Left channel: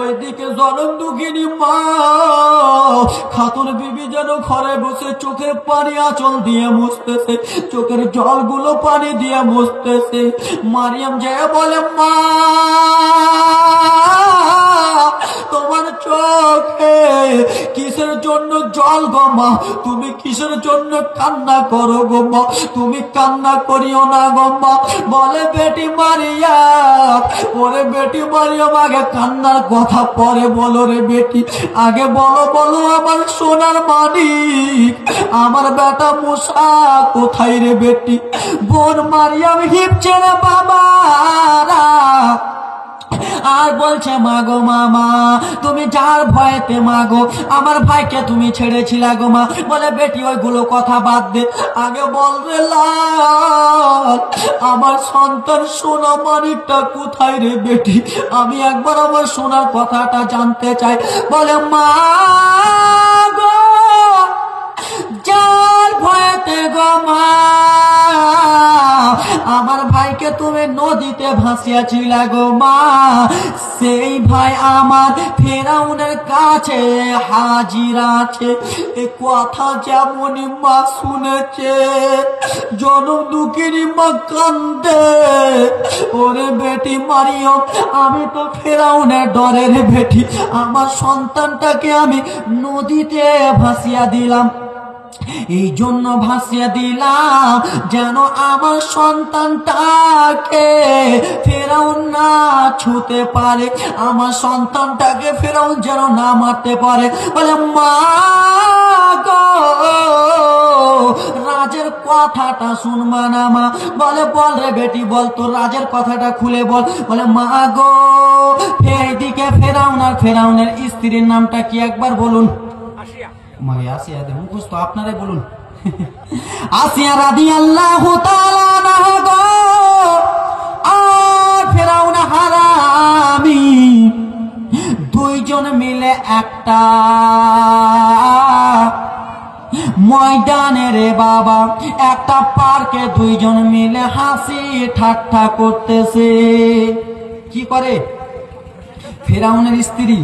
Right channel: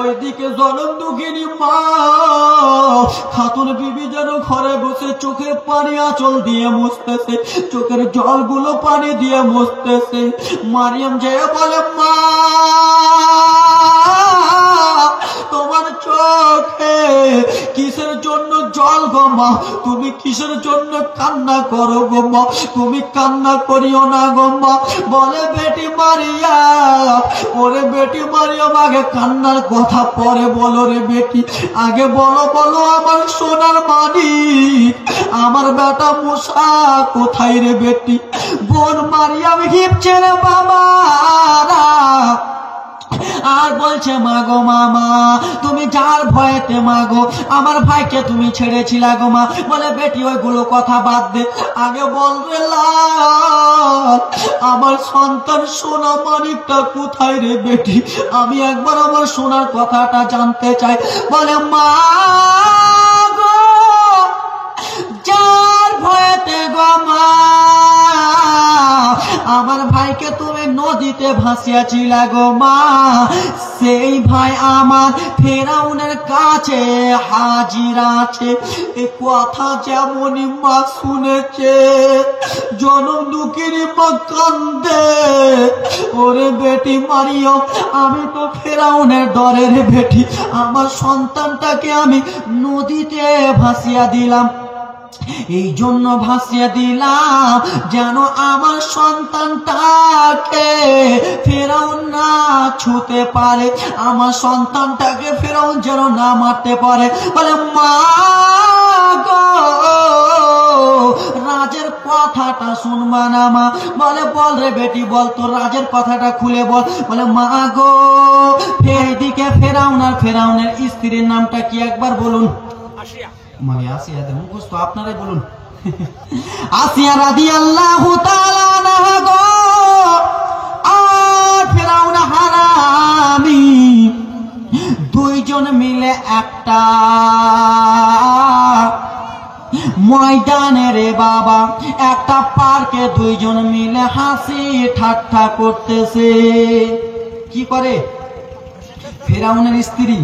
ওইদিকে জনম দুঃখিনী মা খাতুন বিবি যেন ঘরে বসে চোখের পানি আঁচল দিয়ে মুছতেছে, চোখের জলগুলো পানি দিয়ে মুছতেছে। মারিয়াম যে বলে, মা তোমার চোখে কিসের জন্য জল গো মা? তুমি কিসের জন্য কান্না করো গো মা? তুমি কান্না করিও না গো মা। বলে, বেটি মারিয়াম, ওরে বেটি মারিয়াম, আগে কান্নার কথা পরে বলো রে বেটি, আগে বলো আমার সোনার মানিক, আমার বেটা মুসা কোথায় রে বেটি? বোন মারিয়াম হিপছে রে বাবা আর বলছে, মাগো মামা তুমি যার ভয়েতে মাগো আমার ভাইকে তুমি ছেড়েছিলা গো মা। বলে, বেটি ওইগুলো কথা বাদ দে, আগে বল রে লাল আমার সন্তান সোনা মানিকটা কোথায় রে বেটি? আমি একবার আমার সোনার কথাটা জানতে চাই। বলে, মা গো যার ভয়েতে গো মা আমার ভাইকে তুমি নদীতে ভাসিয়াছিলা গো মা, সেই ভাই আমার ফেরাউনের কাছে হাজির আছে। এ কথা যেমনই মা শুনেছে জনম দুঃখিনী মা কান্দে। ওরে বেটি মারিয়াম, আমি তো ফেরাউনের ডরের বেটি, আমার সন্তানটাকে আমি নদীতে ভাসিয়া দিলাম, এই জন্য ভাসিয়ে দিলাম যেন আমার সন্তানটাকে ফেরাউন না ছুতে পারে, আমার সন্তানটাকে ফেরাউন যেন না মারতে পারে। বলে, মা গো রাজের কথাটা শুনবা না মা? বলে, বল রে বেটি বল, তোর রাজের কথাটা খুলে বল। বলে, মা গো এইদিকে ফেরাউনের স্ত্রীর নামটা কি একবার বলুন? আসিয়া দেন মুখস্থ, আপনারাই বলুন। আসিয়া রাদিয়াল্লাহু তাআলা আনহা গো আর ফেরাউন হারামি দুইজন মিলে একটা ময়দানে রে বাবা, একটা পার্কে দুইজন মিলে হাসি ঠাট্টা করতেছে। কি করে? ফেরাউনের স্ত্রী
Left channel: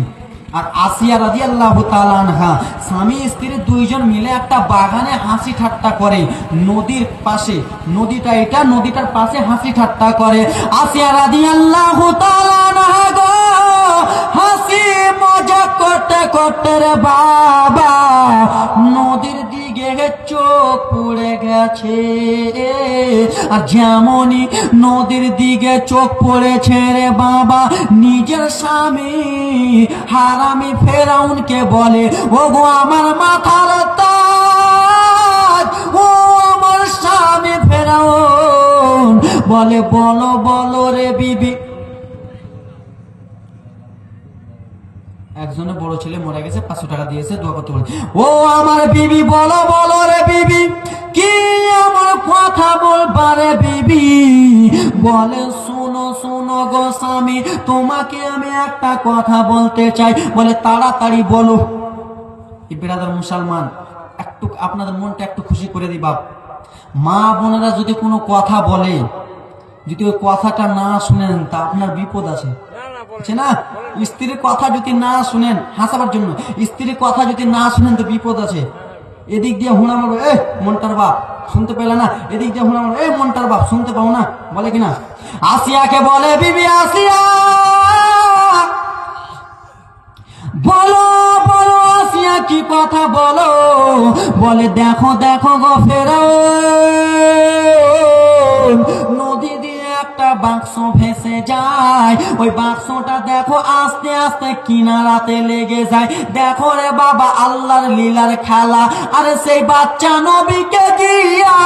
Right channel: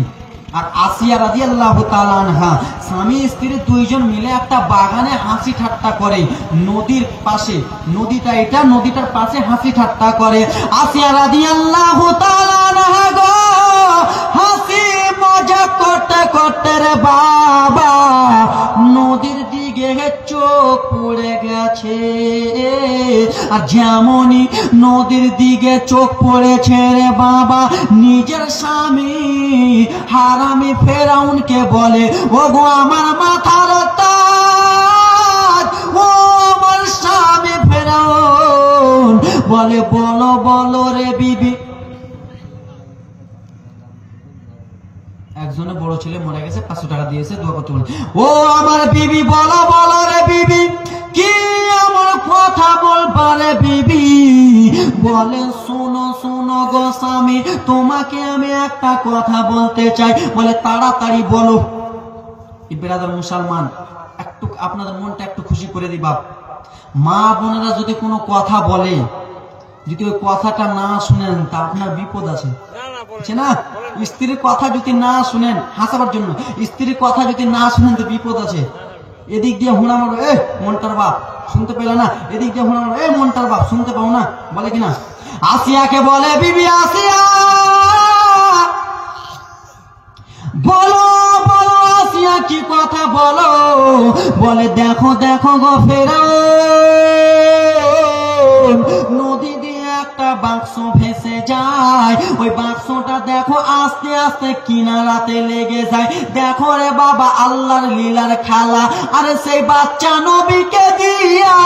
আর আসিয়া রাদিয়াল্লাহু তাআলা আনহা স্বামী স্ত্রী দুইজন মিলে একটা বাগানে হাসি ঠাট্টা করে, নদীর পাশে, নদীটা এটা, নদীটার পাশে হাসি ঠাট্টা করে। আসিয়া রাদিয়াল্লাহু তাআলা আনহা গো হাসি মজা করতে করতে রে বাবা নদীর দিকে চোখ পড়ে গেছে, আর যেমনই নদীর দিকে চোখ পড়েছে রে বাবা নিজের স্বামী হারামি ফেরাউনকে বলে, ও গো আমার মাথার তাজ, ও আমার স্বামী ফেরাউন। বলে, বলো বলো রে বিবি। একজনে বড় ছেলে মরে গেছে, 500 টাকা দিয়েছে, দোয়া করতে বলে, ও আমার বিবি বলো বলো রে বিবি, কি আমার কথা বলবা রে বিবি? বলে, শোনো শোনো গো স্বামী, তোমাকে আমি একটা কথা বলতে চাই। বলে, তাড়াতাড়ি বলো। ব্রাদার মুসলমান, একটু আপনাদের মনটা একটু খুশি করে দিবা। মা বোনেরা যদি কোনো কথা বলে, যদি ওই কথাটা না শুনেন তা আপনার বিপদ আছে না? স্ত্রীর কথা যদি না শুনেন, হাসাবার জন্য, স্ত্রীর কথা যদি না শুনেন তো বিপদ আছে। এদিক দিয়ে হুড়া মারো, এ মনটার বাপ শুনতে পেলে না, এদিক দিয়ে হুড়া মারো, এ মনটার বাপ শুনতে পাবো না, বলে কিনা? আসিয়াকে বলে, বিবি আসিয়া বলো বলো আসিয়া কি কথা বলো? বলে, দেখো দেখো গো ফেরাউন নদী দিয়ে একটা বাক্স ভেসে যায়, ওই বাক্সটা দেখো আস্তে আস্তে কিনারাতে লেগে যায়। দেখো রে বাবা আল্লাহর লীলার খেলা, আরে সেই বাচ্চা নবীকে দিয়া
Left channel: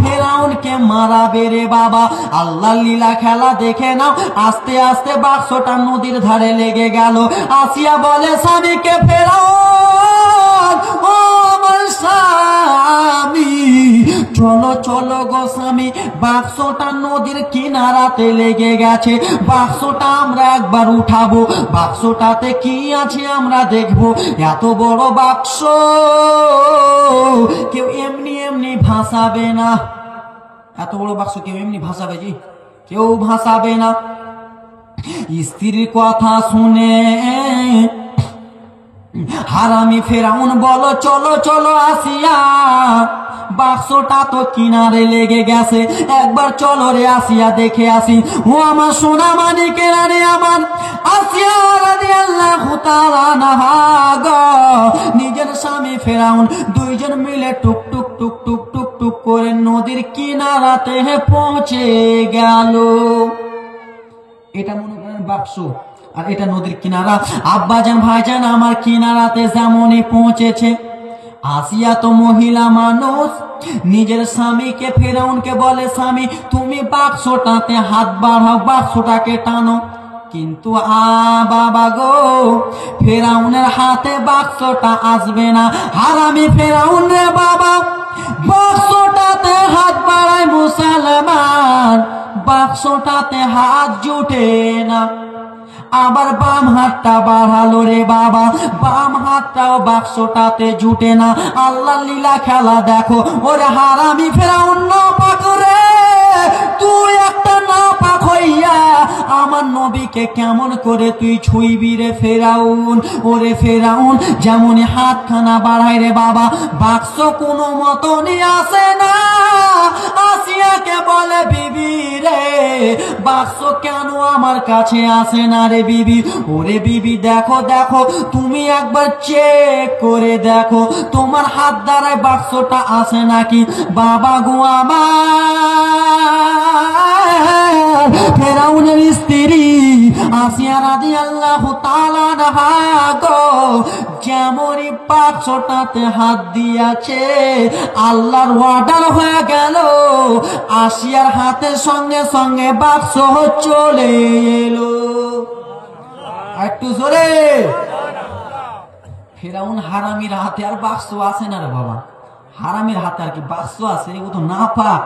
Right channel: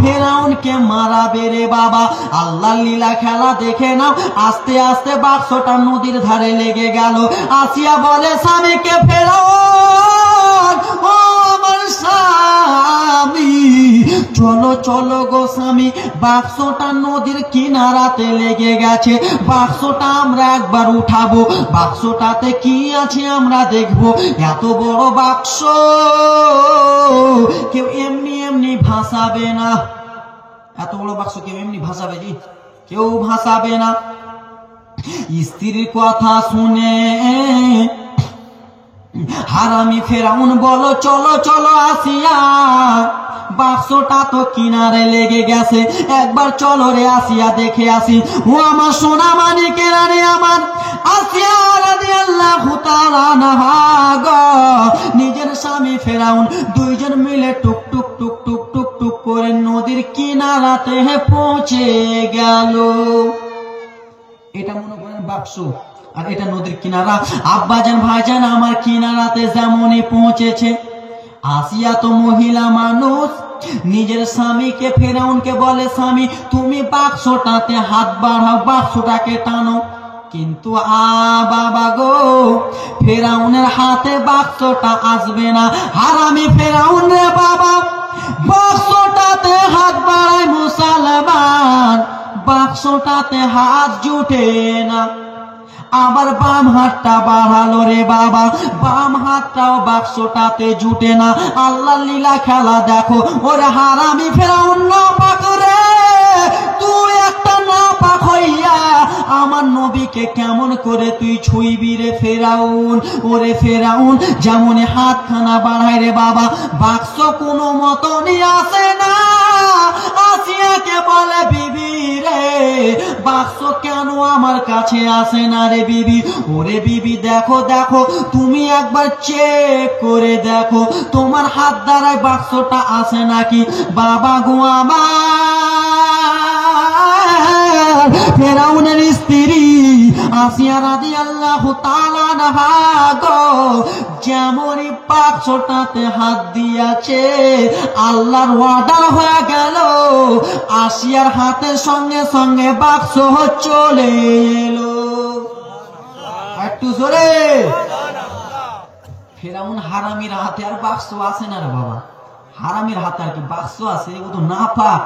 ফেরাউনকে মারাবে রে বাবা। আল্লাহর লীলা খেলা দেখে নাও। আস্তে আস্তে বাক্সটা নদীর ধারে লেগে গেল। আসিয়া বলে স্বামীকে, ফেরাউন ও আমার স্বামী, চলো চলো গো স্বামী, বাক্সটা নদীর কিনারাতে লেগে গেছে, বাক্সটা আমরা একবার উঠাবো, বাক্সটাতে কি আছে আমরা দেখবো। এত বড় বাক্স কেউ এমনি এমনি ভাসাবে না, এত বড় বাক্স কেউ এমনি ভাসাবে? জি কেউ ভাসাবে না। স্ত্রীর কথা শুনে হারামি ফেরাউন বলো চলো চলো আসিয়া, বাক্সটা তো কিনারে লেগে গেছে, একবার চলো রে আসিয়া দেখে আসি। ও আমার সোনা মানিকেরা রে, আমার আসিয়া রাদিয়াল্লাহু তাআলা আনহা গো, নিজের স্বামী ফেরাউন দুইজন মিলে টুক টুক টুক টুক টুক টুক করে নদীর কিনারাতে পৌঁছে গেল। এটা মনে করেন বাক্স, আর এটা নদীর কিনারা। আব্বাজান ভাইজান আমার কিনারাতে যেমনই পৌঁছেছে, আসিয়া তো মহিলা মানুষ, নিজের স্বামীকে ফেরাউনকে বলে স্বামী তুমি বাক্সটাতে হাত বাড়াও, বাক্সটাকে টানো। কিন্তু বাবা গো, ফেরাউনের হাতে বাক্সটা আসবে না। হারামি ফেরাউন রে বাবা, বাক্সটাতে হাত বাড়ায় মুসলমান, বাক্সটাতে হাত জুটে না। আবার বাম হাতটা বাড়ালো রে বাবা, বাম হাতটাও বাক্সটাতে জুটে না। আল্লাহ লীলা খেলা দেখো। ওরে হারামি ফেরাউন না পাক রে, তুই একটা না পাক হইয়া আমার নবীকে কেমন করে তুই ছুঁইবি রে ফেরাউন। ওরে ফেরাউন যেমন হাতখানা বাড়ায় রে বাবা, বাক্স কোনো মতনই আসে না। আসিয়াকে বলে বিবি রে, বাক্স কেন আমার কাছে আসে না রে বিবি? ওরে বিবি দেখো দেখো, তুমি একবার চেক করে দেখো তোমার হাত দ্বারায় বাক্সটা আসে নাকি। বাবা গো আমার ফেরাউনের স্ত্রী আসিয়া রাদিয়াল্লাহু তাআলা আনহা গো, যেমনই বাক্সটাতে হাত দিয়েছে, আল্লাহর অর্ডার হয়ে গেল, আসিয়ার হাতের সঙ্গে সঙ্গে বাক্স চলে এলো। একটু জোরে। ফেরাউন হারামির হাতে আর বাক্স আসে না রে বাবা, হারামির হাতে আর কি বাক্স আছে, এগুলো তো না পাক।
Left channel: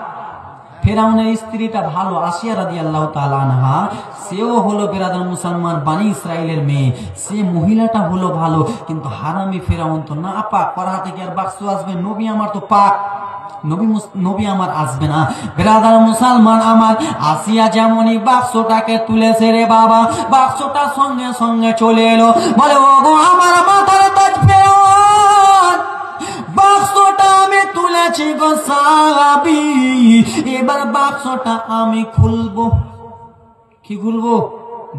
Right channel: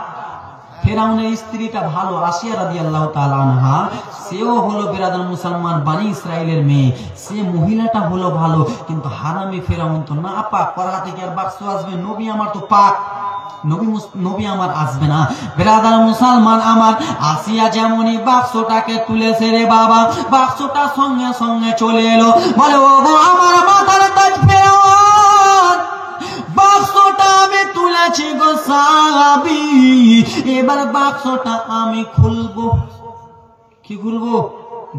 ফেরাউনের স্ত্রীটা ভালো, আসিয়া রাদিয়াল্লাহু তাআলা আনহা, সেও হলো বিরাদর মুসলমান বানি ইসরাইলের মেয়ে, সে মহিলাটা হলো ভালো, কিন্তু হারামি ফেরাউন তো না পাক, ওর হাতে কি আর বাক্স আসবে? নবী আমার তো পাক, নবী আমার আসবে না। বিরাদর মুসলমান আমার, আসিয়া যেমনই বাক্সটাকে তুলেছে রে বাবা, বাক্সটা সঙ্গে সঙ্গে চলে এলো। বলে ও গো আমার মাথার তাজ ফেরাউন, বাক্সটা আমি তুলেছি গো সাহাবী, এবার বাক্সটা আমি খুলবো। কি খুলবো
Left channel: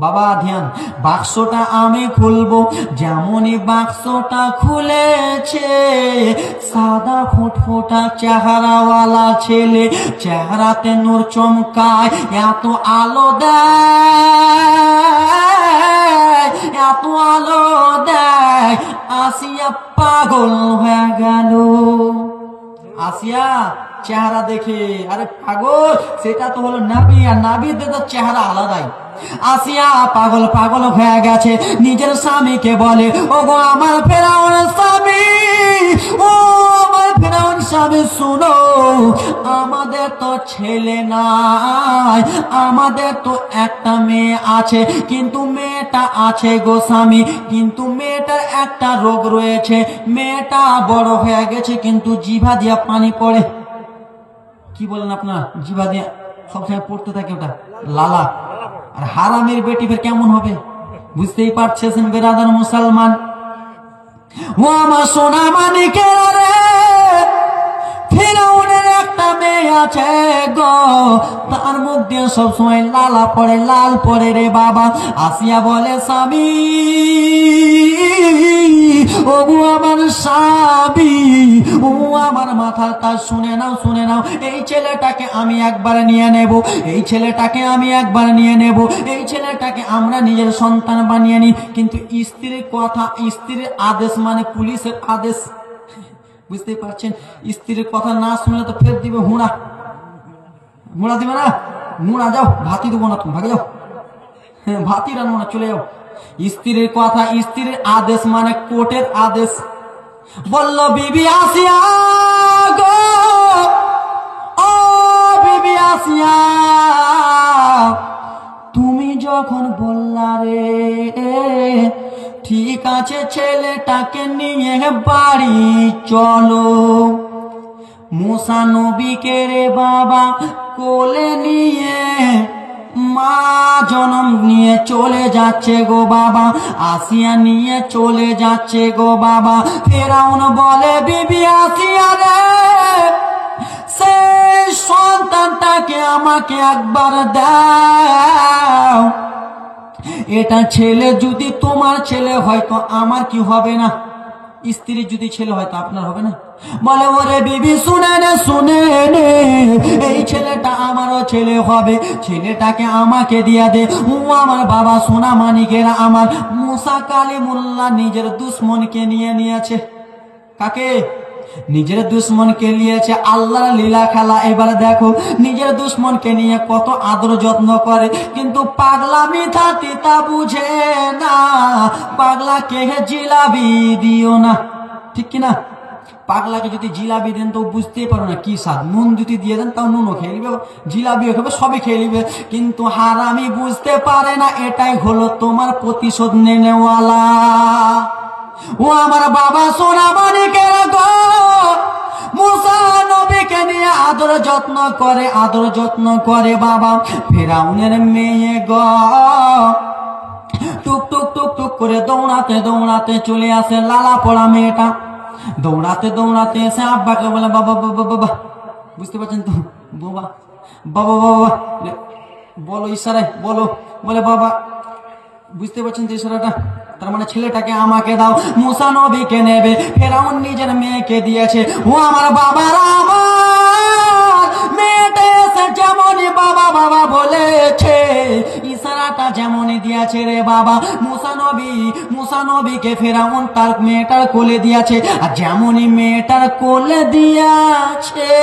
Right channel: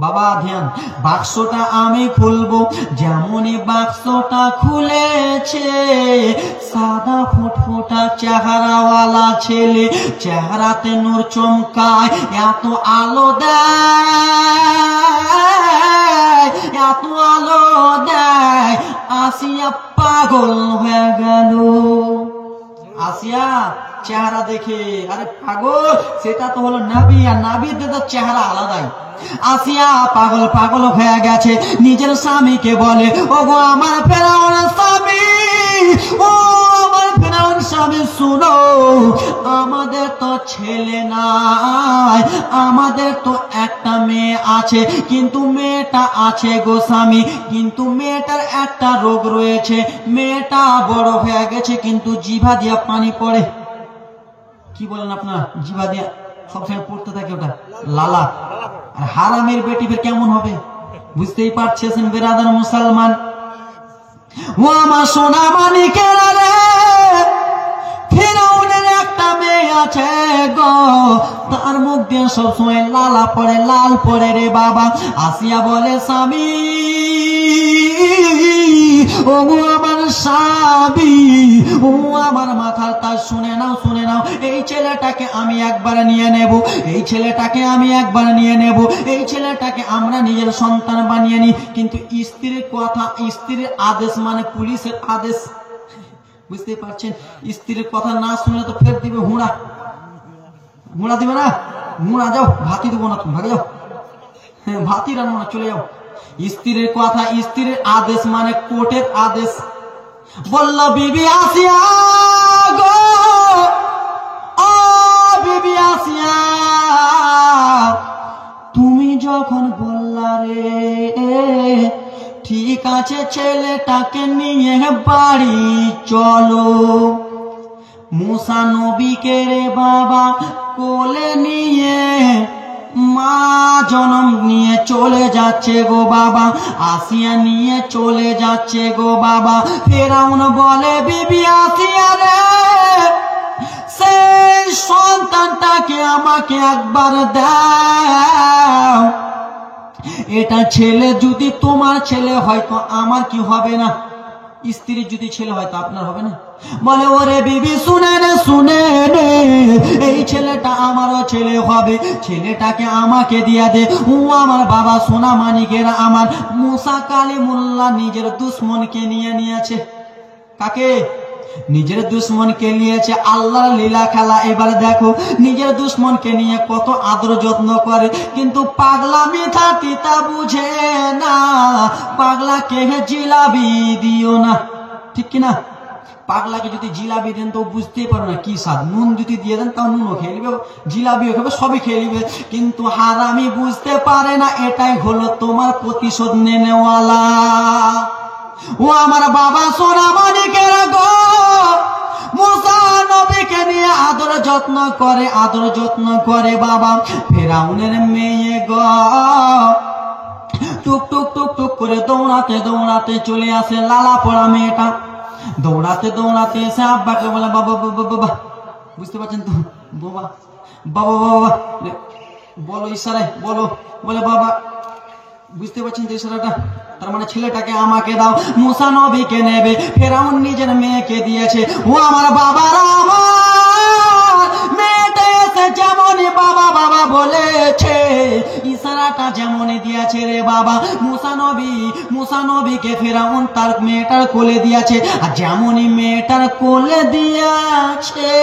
বাবা? ধ্যান, বাক্সটা আমি খুলবো। যেমনই বাক্সটা খুলেছে, সাদা ফুটফুটা চেহারাওয়ালা ছেলে, চেহারাতে নূর চমকায়, এত আলো দেয়, এত আলো দেয়, আসিয়া পাগল হয়ে গেল। আসিয়া চেহারা দেখে, আরে পাগল, সেটা তো হলো নবী, আর নবীদের তো চেহারা আলাদাই। আসিয়া পাগল পাগল হয়ে গেছে, নিজের স্বামীকে বলে ও গো আমার ফেরাউনের স্বামী, ও আমার ফেরাউন স্বামী শুনো, আমাদের তো ছেলে নাই, আমাদের তো একটা মেয়ে আছে, কিন্তু মেয়েটা আছে গো স্বামী, কিন্তু মেয়েটার একটা রোগ রয়েছে, মেয়েটা বড় হয়ে গেছে কিন্তু জিভা দিয়া পানি পড়ে। কি বলেন আপনার? জিভা দিয়া সবসময় পড়তে থাকে, ওটা লালা। আর হারামের বেটি ফের কেমন হবে বুঝতেই পারছেন বেরাদার মুসলমান। ও আমার সোনা মানিকেরা রে, ফেরাউনের একটা মেয়ে আছে গো, তার মুখ দিয়ে সবসময় লালা পড়ে, লাল পড়ে রে বাবা। আসিয়া বলে স্বামী, ও আমার স্বামী, ও আমার মাথা তার, শুনে নাও শুনে নাও, এই ছেলেটাকে আমি একবার নিয়ে নেব, এই ছেলেটাকে আমি একবার নিয়ে নেব, এই ছেলেটাকে আমরা নিজের সন্তান বানিয়ে নি। কিন্তু স্ত্রীর কথা, স্ত্রীর আদেশ মানে পুলিশের আদেশ, বুঝতেই পারছেন? স্ত্রীর কথা না শুনলে তো ফের দিবে হুঁড়া, হুঁড়া দিবে না, হুঁড়া যাও, ভাতি দেবো না, তুমি ভাগে যাও, ভাতি রান্না না, চলে যাও। স্ত্রীর কথা, স্ত্রীর আদেশ মানে কোর্টের আদেশ। বলল বিবি আসিয়া গো, ও বিবি আসিয়া, তুমি যখন বললা রে ঠিক আছে ছেলেটাকে নিয়ে বাড়ি চলো, মুসা নবীকে রে বাবা কোলে নিয়ে মা জনম নিয়ে চলে যাচ্ছে গো বাবা, আসিয়া নিয়ে চলে যাচ্ছে গো বাবা। ফেরাউন বলে বিবি আসিয়া রে, সেই সন্তানটাকে আমাকে একবার দাও। এটা ছেলে যদি তোমার ছেলে হয় তো আমার কি হবে না? স্ত্রীর যদি ছেলে হয় তো আপনার হবে না? বলে ওরে বিবি শুনে নে, শুনে নে, এই ছেলেটা আমারও ছেলে হবে, ছেলেটাকে আমাকে দিয়া দে। ও আমার বাবা সোনা মানিকেরা, আমার মুসা কালিমুল্লাহ নিজের দুশ্মনকে নিয়ে নিয়েছে। কাকে? নিজের দুশ্মনকে নিয়েছে। আল্লাহর লীলা খেলা। এবার দেখো নিজের দুশ্মনকে নিয়ে কত আদর যত্ন করে, কিন্তু পাগলা মিঠা তিতা বুঝে না। পাগলাকে জিলাবি দিও না, ঠিক কিনা? পাগলাকে যদি জিলাবি দেন তো বুঝতেই পারো না কি স্বাদ। নুন যদি দিয়ে দেন তাও নুনও খেয়ে নিবে, জিলাবিও খেবে, সবই খেয়ে নিবে, কিন্তু হারামি বুঝতে পারে না এটাই হলো তোমার প্রতিশোধ নেওয়ালা। ও আমার বাবা সোনা মানিকের গো, মুসা নবীকে নিয়ে আদর যত্ন করে, আদর যত্ন করে বাবা। ফেরাউনের মেয়ে গো টুক টুক টুক টুক করে দৌড়াতে দৌড়াতে চলে আসে। লালা পড়া মেয়েটা দৌড়াতে দৌড়াতে এসে আব্বাকে বলে বাবা বাবা বাবা, বুঝতে পারছেন তো? বাবা বাবা বাবা বলো ইশারায় বলো, বলে বাবা, বুঝতে পারছেন তো ইশারাটা? তার মানে ছেলেটাকে আমাকে দাও। মুসা নবীকে নেবে, ফেরাউন নিজের মেয়েকে দিয়েছে। ও আমার বাবারা, আমার মেয়েটা এসে যেমনই বাবা বাবা বলেছে, ইশারাটা যেমনই দিয়েছে রে বাবা, মুসা নবীকে ফেরাউন তার মেয়েটার কোলে দিয়েছে। আর যেমনই মেয়েটার কোলে দিয়েছে,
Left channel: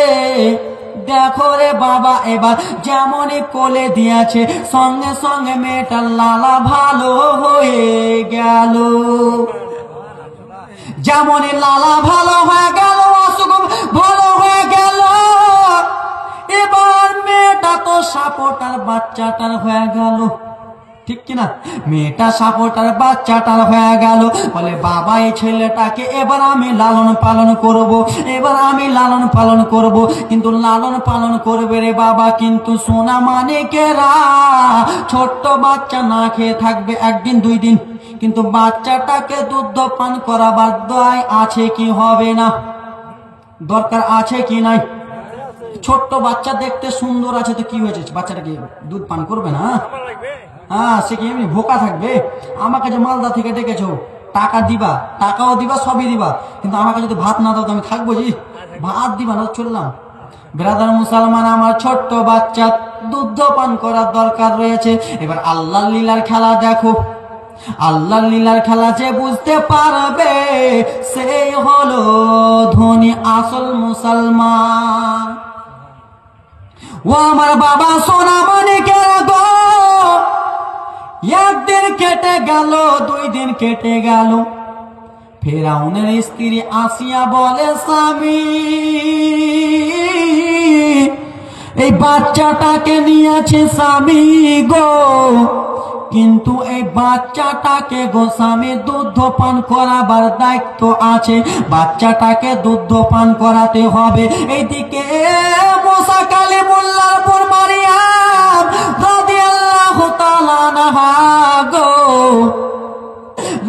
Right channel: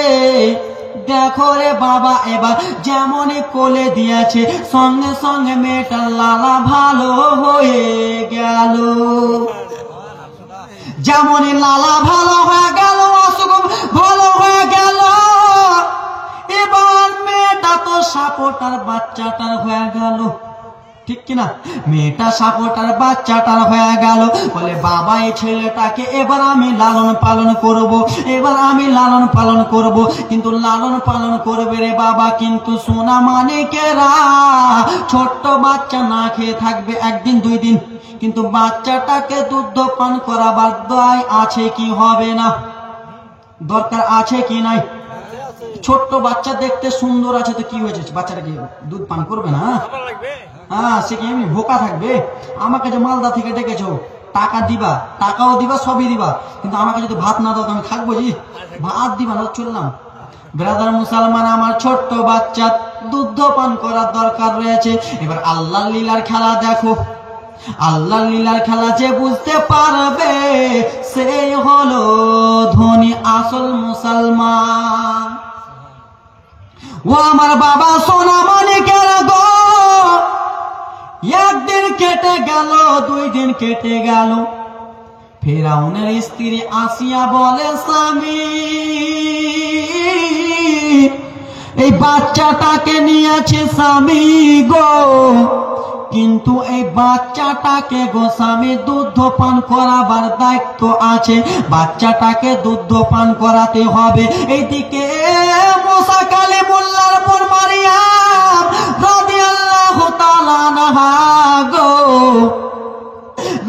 দেখো রে বাবা, এবার যেমনই কোলে দিয়েছে সঙ্গে সঙ্গে মেয়েটার লালা ভালো হয়ে গেল। যেমনই লালা ভালো হয়ে গেল, অসুখ ভালো হয়ে গেল, এবার মেয়েটা তো সাপোটার বাচ্চাটার হয়ে গেল, ঠিক কিনা? মেয়েটা সাপোটার বাচ্চাটার হয়ে গেল। বলে বাবা এই ছেলেটাকে এবার আমি লালন পালন করব, এবার আমি লালন পালন করব। কিন্তু লালন পালন করবে রে বাবা, কিন্তু সোনা মানিকেরা ছোট্ট বাচ্চা না খেয়ে থাকবে একদিন দুই দিন, কিন্তু বাচ্চাটাকে দুধ পান করাবার দয় আছে কি হবে না? দরকার আছে কি নাই? ছোট্ট বাচ্চা দেখতে সুন্দর আছে তো কি হয়েছে, বাচ্চাটাকে দুধ পান করবে না? হ্যাঁ, সে কি এমনি বোকা থাকবে? আমাকে যে মালদা থেকে ডেকেছো, টাকা দিবা, টাকাও দিবা, সবই দিবা, কিন্তু আমাকে যদি ভাত না দাও তো আমি থাকবো জি? ভাত দিবা না, চললাম। ব্রাদার মুসলমান, আমার ছোট্ট বাচ্চা দুধ পান করার দরকার রয়েছে। এবার আল্লাহ লীলার খেলা দেখো, আল্লাহ লীলার খেলা যে বুঝতে পারবে সে হলো ধনী আসল মুসলমান। ও আমার বাবা সোনা মানিকের গো, একদিন কেটে গেল, দুই দিন কেটে গেল। ফেরাউনের স্ত্রী আসিয়া বলে স্বামী, এই বাচ্চাটাকে নিয়েছে স্বামী গো, কিন্তু এই বাচ্চাটাকে গো স্বামী দুধ পান করাবার দায়িত্ব আছে, বাচ্চাটাকে দুধ পান করাতে হবে। এইদিকে মুসা কালিমুল্লাহর পর মারিয়াম রাদিয়াল্লাহু তাআলা আনহা গো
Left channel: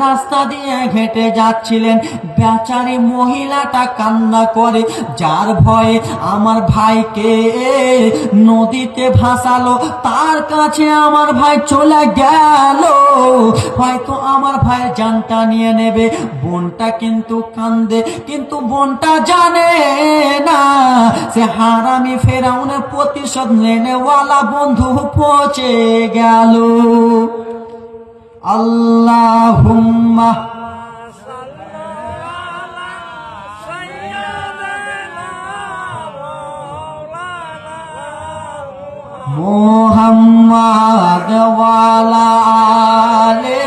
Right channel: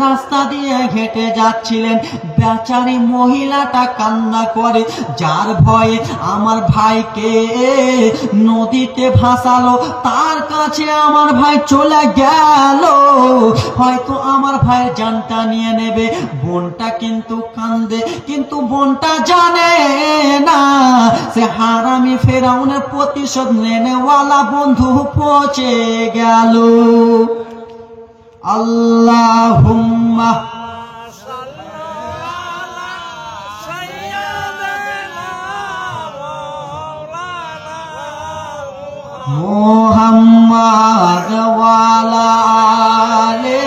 রাস্তা দিয়ে হেঁটে যাচ্ছিলেন। বেচারি মহিলাটা কান্না করে, যার ভয়ে আমার ভাইকে নদীতে ভাসালো, তার কাছে আমার ভাই চলে গেল, হয়তো আমার ভাইয়ের জানটা নিয়ে নেবে। বোনটা কিন্তু কান্দে, কিন্তু বোনটা জানে না সে হারামি ফেরাউনের প্রতিশোধ নেওয়ালা বন্ধু পৌঁছে গেল। আল্লাহুম্মা মুহাম্মাদ ওয়ালা আলে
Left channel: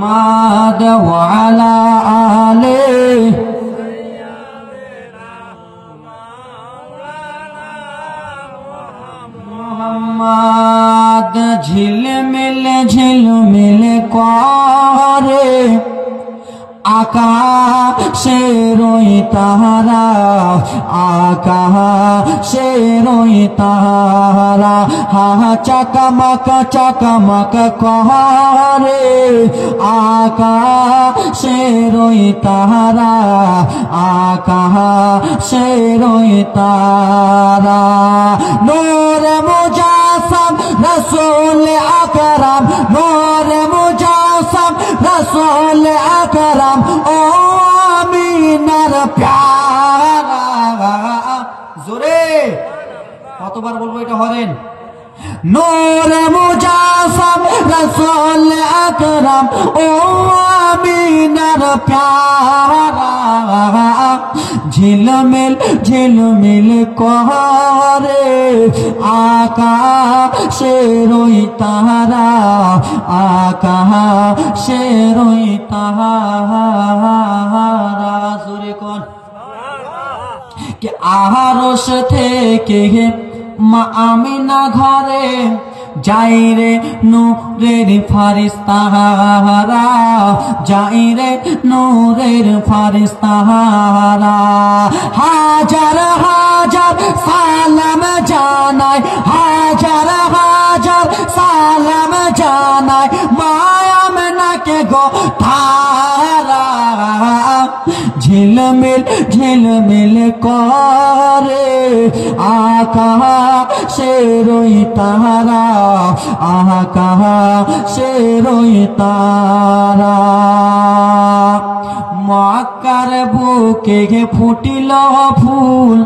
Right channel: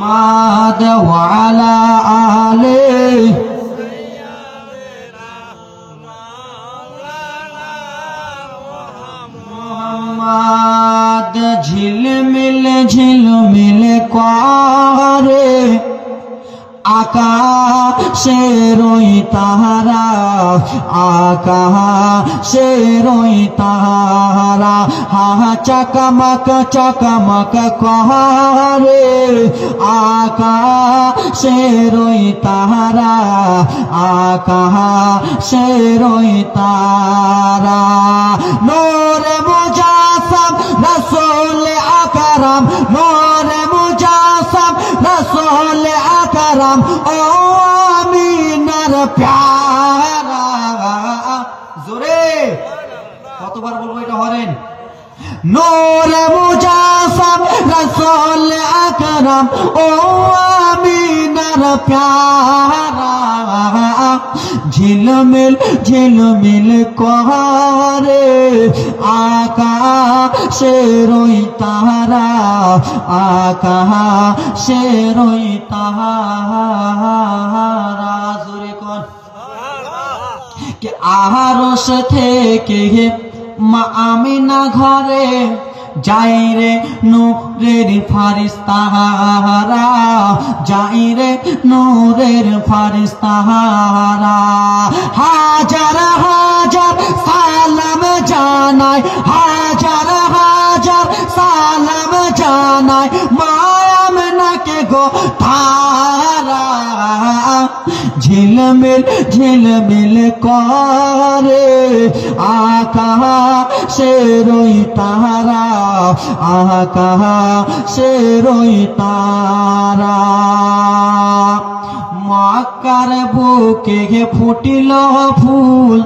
মাদ ওয়ালা আলে ঝিলমিল করে আকাশের ওই তারা আকাশের ওই তারা চাকামাকা করে আকাশের ওই তারা আকাশের ওই তারা নূরে মুজাসসাম রাসূল আকরাম নূরে মুজাসসাম রাসূল আকরাম ও আমিনার প্যারা জোরে কতবার বলবো এটা হরেন নূরে মুজাসসাম রাসূল আকরাম ও আমিনার প্যারা ঝিলমিল করে আকাশের ওই তারা আকাশের ওই তারা জোরে কোন কে আরশ থেকে মা আমিনা ঘরে যাই রে নূরের ফারিস্তারা যাই রে নূরের ফারিস্তারা হাজার হাজার সালাম জানাই হাজার হাজার সালাম জানাই মা আমিনাকে গো তারা ঝিলমিল করে আকাশের ওই তারা আকাশের ওই তারা মক্কার বুকে ফুটিল ফুল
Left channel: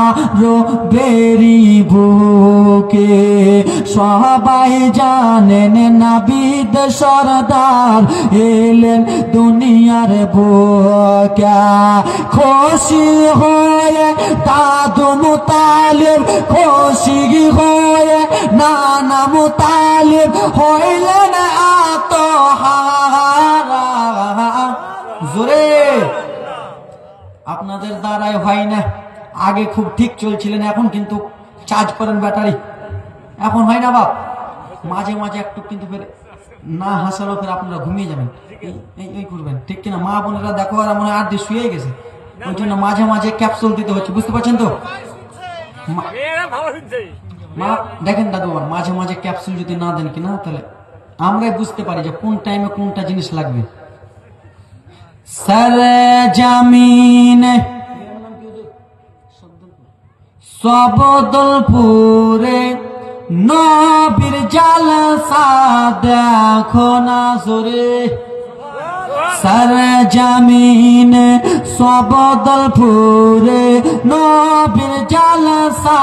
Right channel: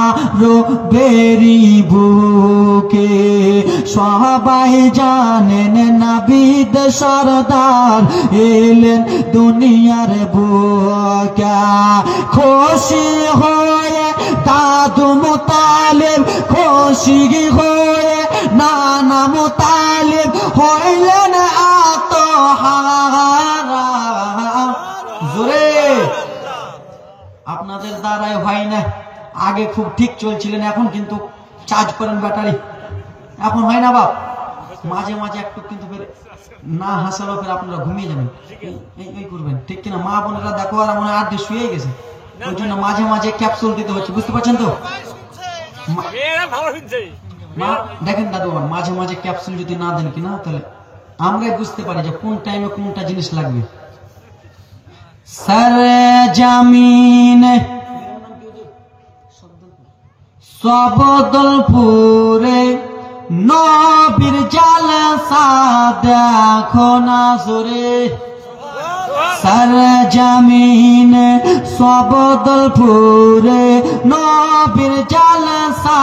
আরো বেরি বুকে সবাই জানেন নাবিদ সরদার এলেন দুনিয়ার বুকে খুশি হয়ে দাদু মুতালিব খুশি হয়ে নানা মুতালিব হইলেন আত্মহারা জোরে আপনাদের দ্বারাই হয় না আগে খুব ঠিক চলছিলেন এখন কিন্তু চার্জ করেন ব্যাটারি এখন হয় না বাপ মাঝে মাঝে একটু কিন্তু ফের না হাসানো ফের আপনারা ঘুমিয়ে যাবেন এই করবেন ঠিক কিনা মা বোনেরা দেখো আর মনে হয় আড্ডি শুয়ে গেছে ওই জন্য মাঝে মাঝে ক্যাপসুল দিতে হচ্ছে বুঝতে পারছেন তো দেখেন দাদু মাঝে মাঝে ক্যাপসুল যদি না দেন কিনা তাহলে আমরাই বুঝতে পারি যে কোন টাইমে কোনটা জিনিস লাগবে সরজমিন সবদলপুরে নবীর জালসা দেখো না জোরে সরজমিন সবদলপুরে নবীর জালসা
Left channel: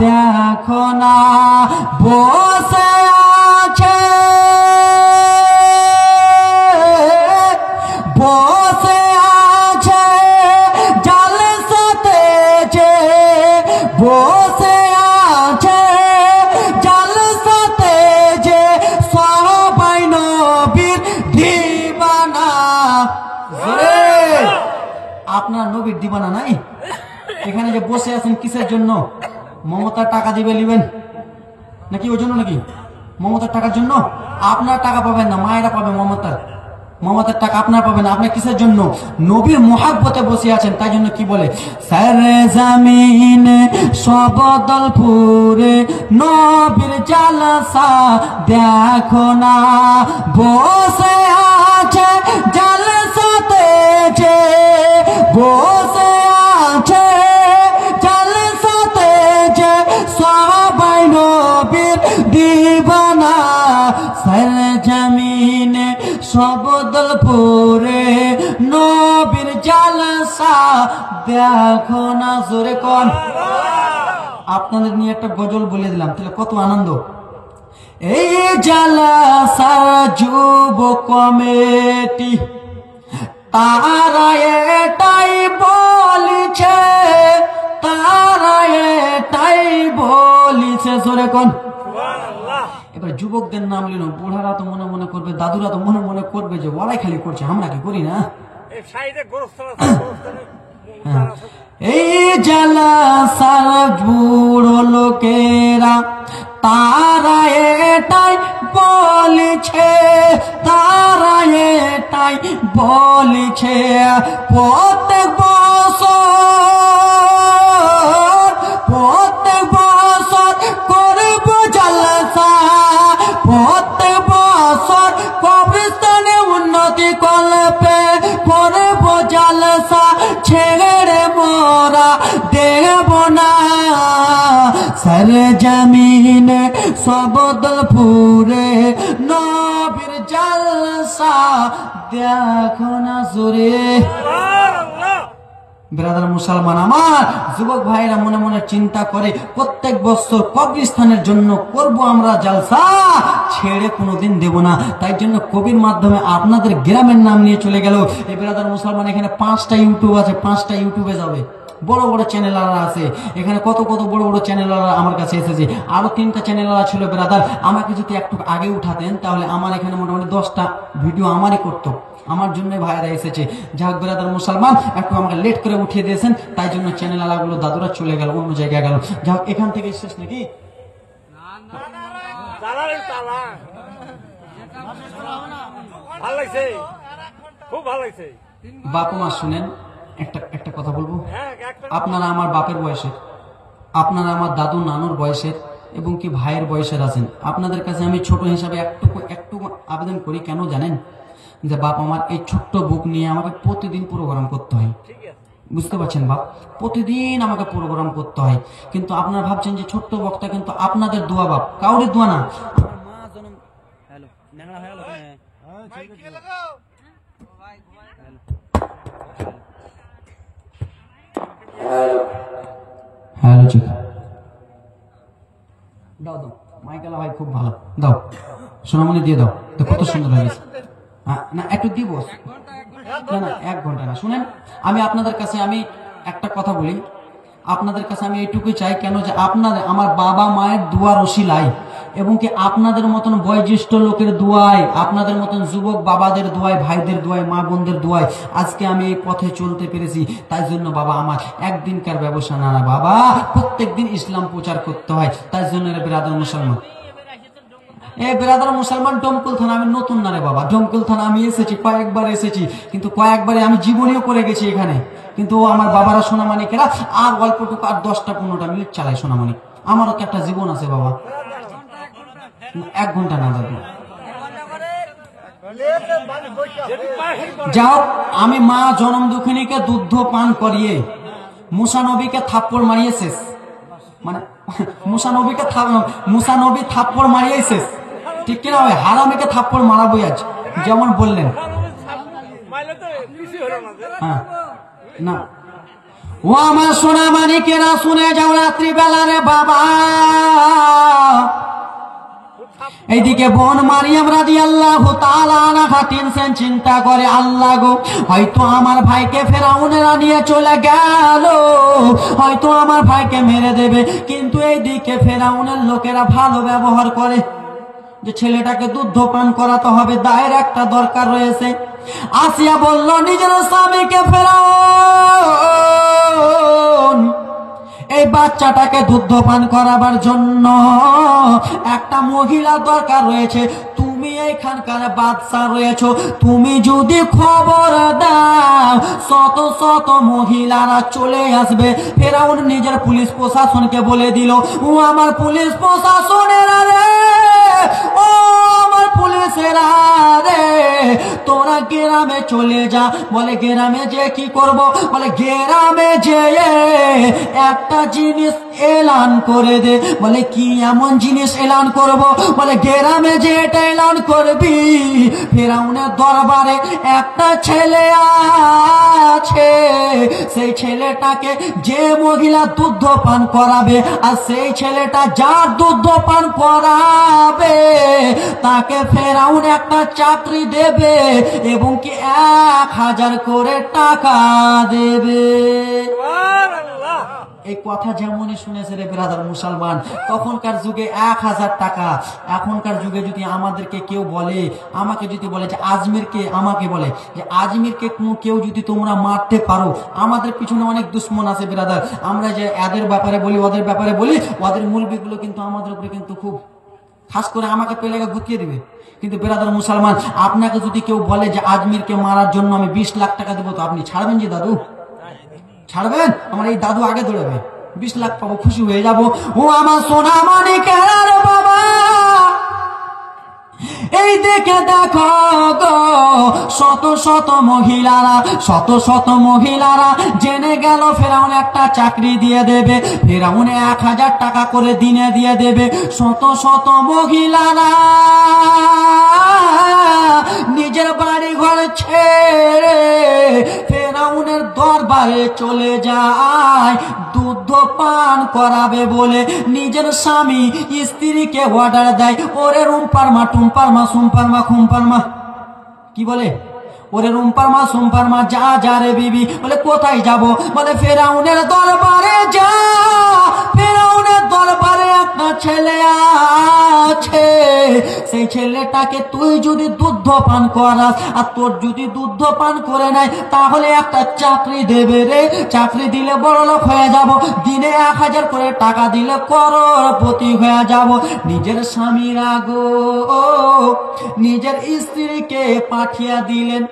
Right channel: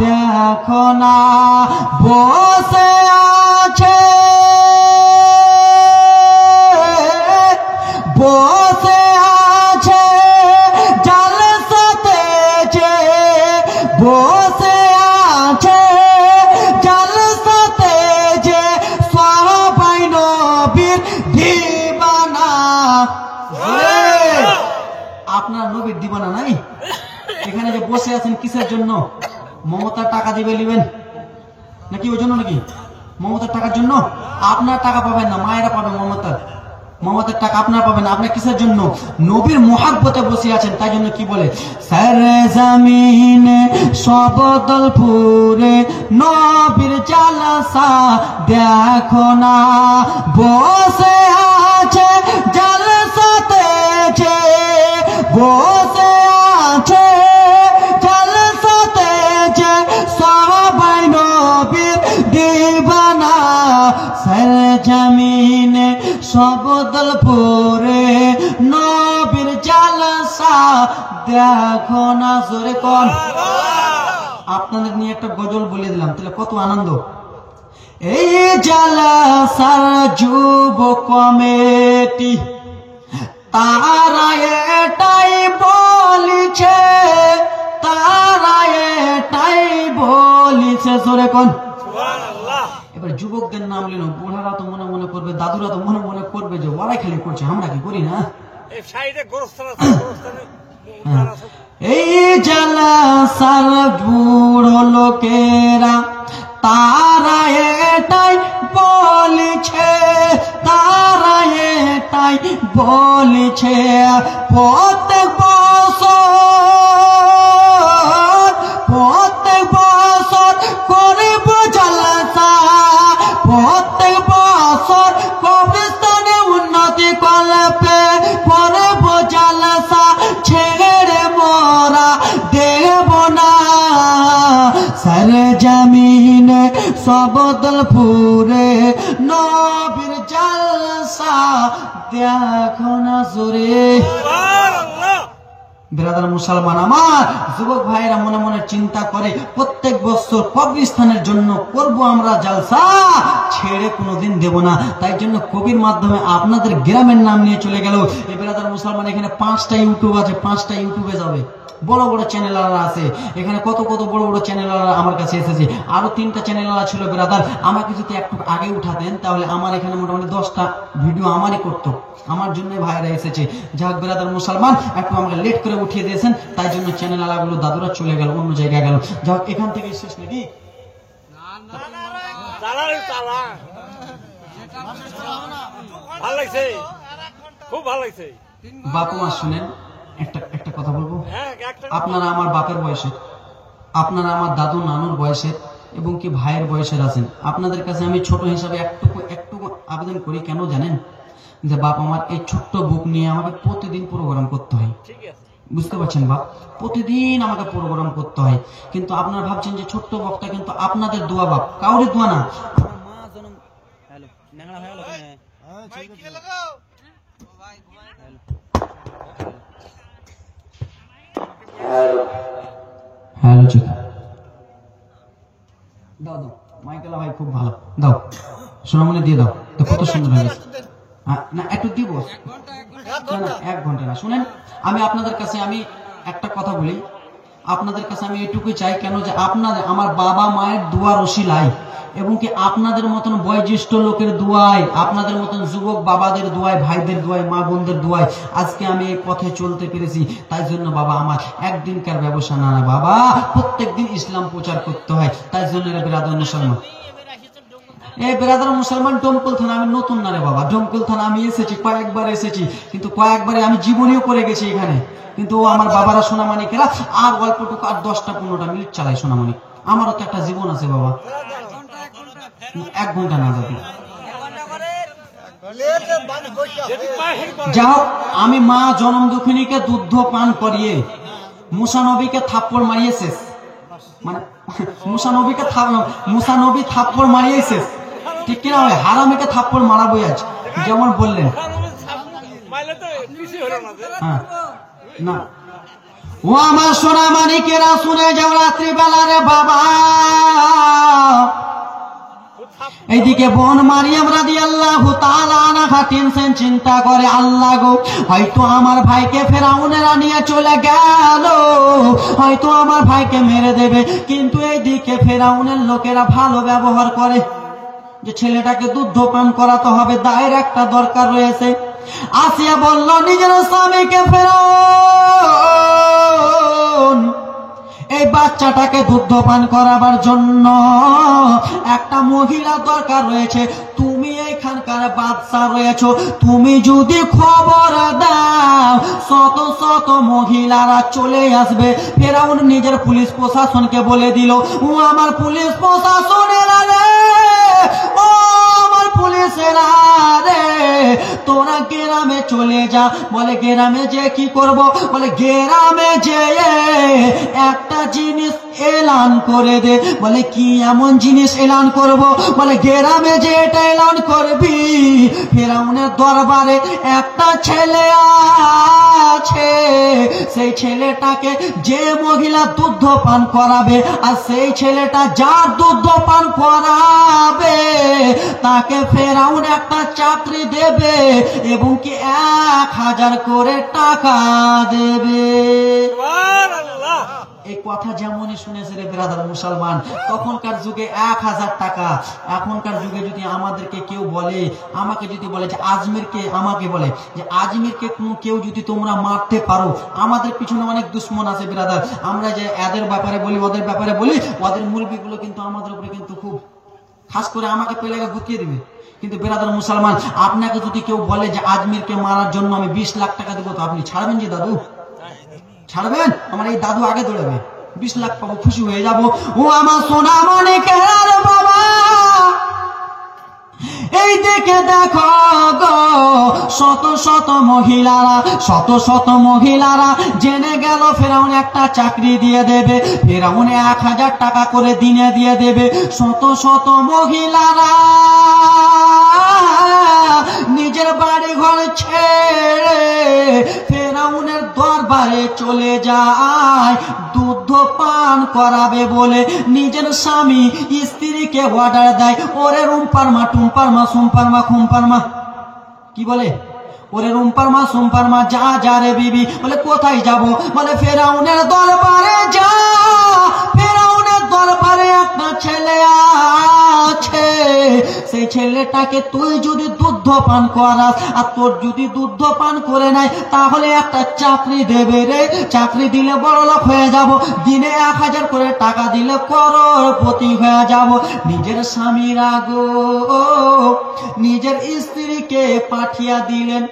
দেখো না বসে আছে বসে আছে জালসাতে যে বসে আছে জালসাতে যে সবাই নবীর দিবানা আপনার নবীর দিবানা নাই এখানে যে বসে আছেন কিসের জন্য মমতার টাকা দিবে নেবেন নাকি ওই জন্য নাকি মমতার টাকার জন্য আপনার টাকা পাবেন না মায়েরা পাবে মমতার টাকা আপনার পাবেন আপনার কিসের জন্য নবীর মোহাব্বতে বসে আছেন তাই জন্য কি বলে সরজমিন সবদলপুরে নবীর জালসা দেখো না বসে আছে জালসাতে যে বসে আছে জালসাতে যে সবাই নবীর দিবানা সরজমিন সবদলপুরে নবীর জালসা দেখো না জোরে কোন আপনাদের নিয়ে একটা গজল বলে দিলাম তাহলে কত আনন্দ এই জালসা যুব কমিটি তারা এটাই বলিছে জোরে কোন এবার যুবকদের নাম নিল বুড়ারা তো মনে মনে করবে দাদুরা তো মনে মনে করবে যে ওরাই খালি করছে আমরা কি করি না এই জালসা বুড়ো লোকেরা তারা এটাই বলিছে প্রত্যেক বছর রে জমিনে সবদলপুরে নবীর জলসা দেখো না জোরে। ব্রাদার মুসলমান আমার যুবক ভাইরা মনে মনে চিন্তা করে প্রত্যেক বছর কবরস্থানের জন্য করব আমরা জলসা, ছেড়ে কোনোদিন দেব না। তাই জন্য কবির মাধ্যমে আপনাদের গ্রামের নাম নিয়ে চলে গেল। এই ব্রাদার মুসলমান এখানে 5টা ইউটিউব আছে, 5টা ইউটিউবে যাবে, বড় বড় চ্যানেলাররা আছে এখানে, কত কত বড় বড় চ্যানেলাররা আমার কাছে এসেছে। আরো 3টা চ্যানেলাররা ছিল ব্রাদার, আমাকে যদি একটু আগে উঠাতেন তাহলে আমার এখানে মোটামুটি 10টা ভিডিও আমারই করতো, আমার জন্য ভাইরা এসেছে। যাক ব্রাদার মুসলমান একটু আমাকে লেট করে উঠিয়ে দিয়েছেন, তাই জন্য চ্যানেলারগুলো দাদুরা চলে গেল, অন্য জায়গায় গেল। যাক এখান থেকে শেষ নাকি? বাপু মা শুনেন, একটা কথা বলবো, আপনারা আমার বাপের বয়সের, আপনারা আমার দাদু নানুর বয়সের এবং কি ভাইয়ের বয়সের আছেন। আপনাদের কাছে আমি ছোট হিসাবে একটু আবেদন করি, কেন জানেন? যে বাপ আমার এই ছোট্ট বুক নিয়ে আমাকে প্রতিদিন প্রোগ্রাম করতে হয়, বুঝতে পারছেন বাপ? প্রতিদিন আমাকে প্রোগ্রাম করতে হয়। কিন্তু আপনারা ভাবছেন যে ছোট্ট বক্তা, কিন্তু আপনাদের দোয়া বাপ, কাউরে দোয়া না। আমার মা জন্ম হ্যালো ন্যাংরা হয়ে গেল কেন? হ্যালো ঠিক দাও দাও, মাইকেলা ভাই খুব ভালো, দাও সোনামণি দিয়ে দাও, কত সুন্দর হয়েছে। না একটু দিব না, 1 ঘন্টা না। শুনেন আমি আপনাদের কাছে আমি একটা কথা বলি, আপনাদের কাছে আমি এটুকুই চাই, কেন যে আপনাদের আমার বাবা মায়ের দোয়ার ওসিলায় এবং কি আপনাদের মতন বয়োজ্যেষ্ঠ লোকের দোয়ায়, আপনাদের মতন যুবক বাবাদের দোয়ায়, ভাইদের দোয়ায়, মা বোনদের দোয়ায় আজকে আমি এই পথে চলতে পেরেছি। তাই জন্য বাবা আমার একদিনকার ব্যবসা না, বাবা প্রত্যেক দিন ইসলাম প্রচার করতে হয়। তাই জন্য ব্রাদার মুসলমান, এই ব্রাদার মুসলমান ডমকল থানা আমি নতুন না রে বাবা, ডমকল থানা আমি এসেছি কয়েকবার এসেছি, কিন্তু কয়েকবারে আমি জীবনীও করে গেছি এখানে। কিন্তু আমার বাবারা সোনামানিকেরা আর অল্পটুকু আর 10টা-15টা মিনিট চালায় সোনামানিক। আমারও তো একটা জীবন আছে বাবা। 1 ঘন্টা না দাদু। যাও আমি মা জনম দুঃখিনীকে দুগ্ধ পান করিয়ে মুসানবীকে থাপ্পড় মারিয়ে শেষ, মানে মুসানবী থাপ্পড় মারিয়ে শেষ, ঠিক কিনা হবে? হারামিকে থাপ্পড় মারাবই আজ, যেমন বললেন। হ্যাঁ না, ও আমার সোনা মানিকেরা শুনে যাও রাত্রিবেলা রে বাবা। এইদিকে বোন মারিয়াম রাদিয়াল্লাহু তাআলা আনহা টেনশন চিন্তা করে, আল্লাহ গো হয়তো আমার ভাইকে ফেরাউনেরা নিয়ে চলে গেল, হয়তো আমার ভাইকে মেরে দেবে। কিন্তু এইদিকে ফেরাউনের লোকেরা ভালো ব্যবহার করে, যে ছেলেটাকে দুধ পান করাতে হবে, দায়ের একটা দরকার রয়েছে। আসিয়া বলল নিজের স্বামীকে, ফেরাউন এই বাচ্চাটাকে দুধ পান করাবার জন্য একটা মহিলা দরকার রয়েছে, তুমি এখানকার বাদশা রয়েছো, তুমি যদি খবর দাও শত শত মহিলারা চলে আসবে। ফেরাউন নিজের পুলিশ প্রশাসনকে বলে দিল, ও আমার পুলিশ প্রশাসনেরা রে, ও আমার পুলিশেরা রে, তোরা গ্রামে চলে যা। বলে গ্রামে যে কি করব? বলে গ্রামে যে একটা জিনিস এলান করে দে। বলে কি এমন জিনিস এলান করব? বলে গ্রামে যে এটা এলান করবি, ফেরাউনের দরবারে একটা ছেলে আছে, সেই ছেলেটাকে যে মহিলা দুধ পান করাবে, আর সেই ছেলেটা যার দুধ পান করাবে তাকে ফেরাউন একটা চাকরি দেবে এবং কি 1000 করে টাকা দেবে। এই কথা যেমনই শুনেছে রে ব্রাদার মুসলমান, তখনকার যুগে 1000 টাকা। এখনকার যুগে যদি আমাদেরকে কেউ বলে, আমাকে যদি বলে যে আজমিরকে, আমাকে বলে যে আজমিরকে কেউ যদি তোমরা মারতে পারো, আমাদের পিছনে অনেক দুশ্মন আছে ব্রাদার। আমরা যে এদের ব্যাপারে বলি, ওদের ব্যাপারে বলি, ওদের মুরব্বিগুলো কিন্তু আমাদের উপরে কিন্তু খুব খাস করে আমাকে পেলে গুটিয়ে দিবে। কিন্তু ব্রাদার মুসলমান, আপনাকে যদি কেউ বলে যে আজমিরকে মারার জন্য আমি 20 লাখ টাকা দেবো, তো আপনি ছাড়বেন? যে দাদু ছাড়বেন? আমার এই দাদু আগে দৌড়াবে, 20 লাখ পাবো, খুশি হয়ে যাব। ও আমার সোনা মানিকের বাবা, এই দেখে দেখো গো শত শত মহিলারা জেনে গেল ফেরাউন একটা চাকরি দিয়ে দেবে, ফেরাউন 1000 টাকা করে দিনে দিয়ে দেবে। শত শত মহিলারা নিজের বাড়ি ঘর ছেড়ে ফেরাউনের দরবারে চলে যায় দুধ পান করাবে বলে। নিজের স্বামী স্ত্রীকে অর্ডার দেয়, ওরে রুম্পার মা, টুম্পার মা, সোম্পার মা, খুম্পার মা, কি বলে, ওরে রুম্পার মা, সোম্পার মা, যা যা রে বিবি। বলে কোথায় যাব? বলে ফেরাউনের দরবারে যা। ফেরাউনের দরবারে একটা ছেলে আছে, সেই ছেলেটাকে তুই যদি দুধ পান করাস আর তোর যদি দুধ পান করে নেয় তাহলে একটা চাকরি দেবে রে। চাকরি দিলে বড়লোক হয়ে যাব, দিনে 1000 করে টাকা দিলে করোড়পতি হয়ে যাব। নিজের স্বামীরা গো নিজের স্ত্রীকে পাঠিয়ে দিলেন,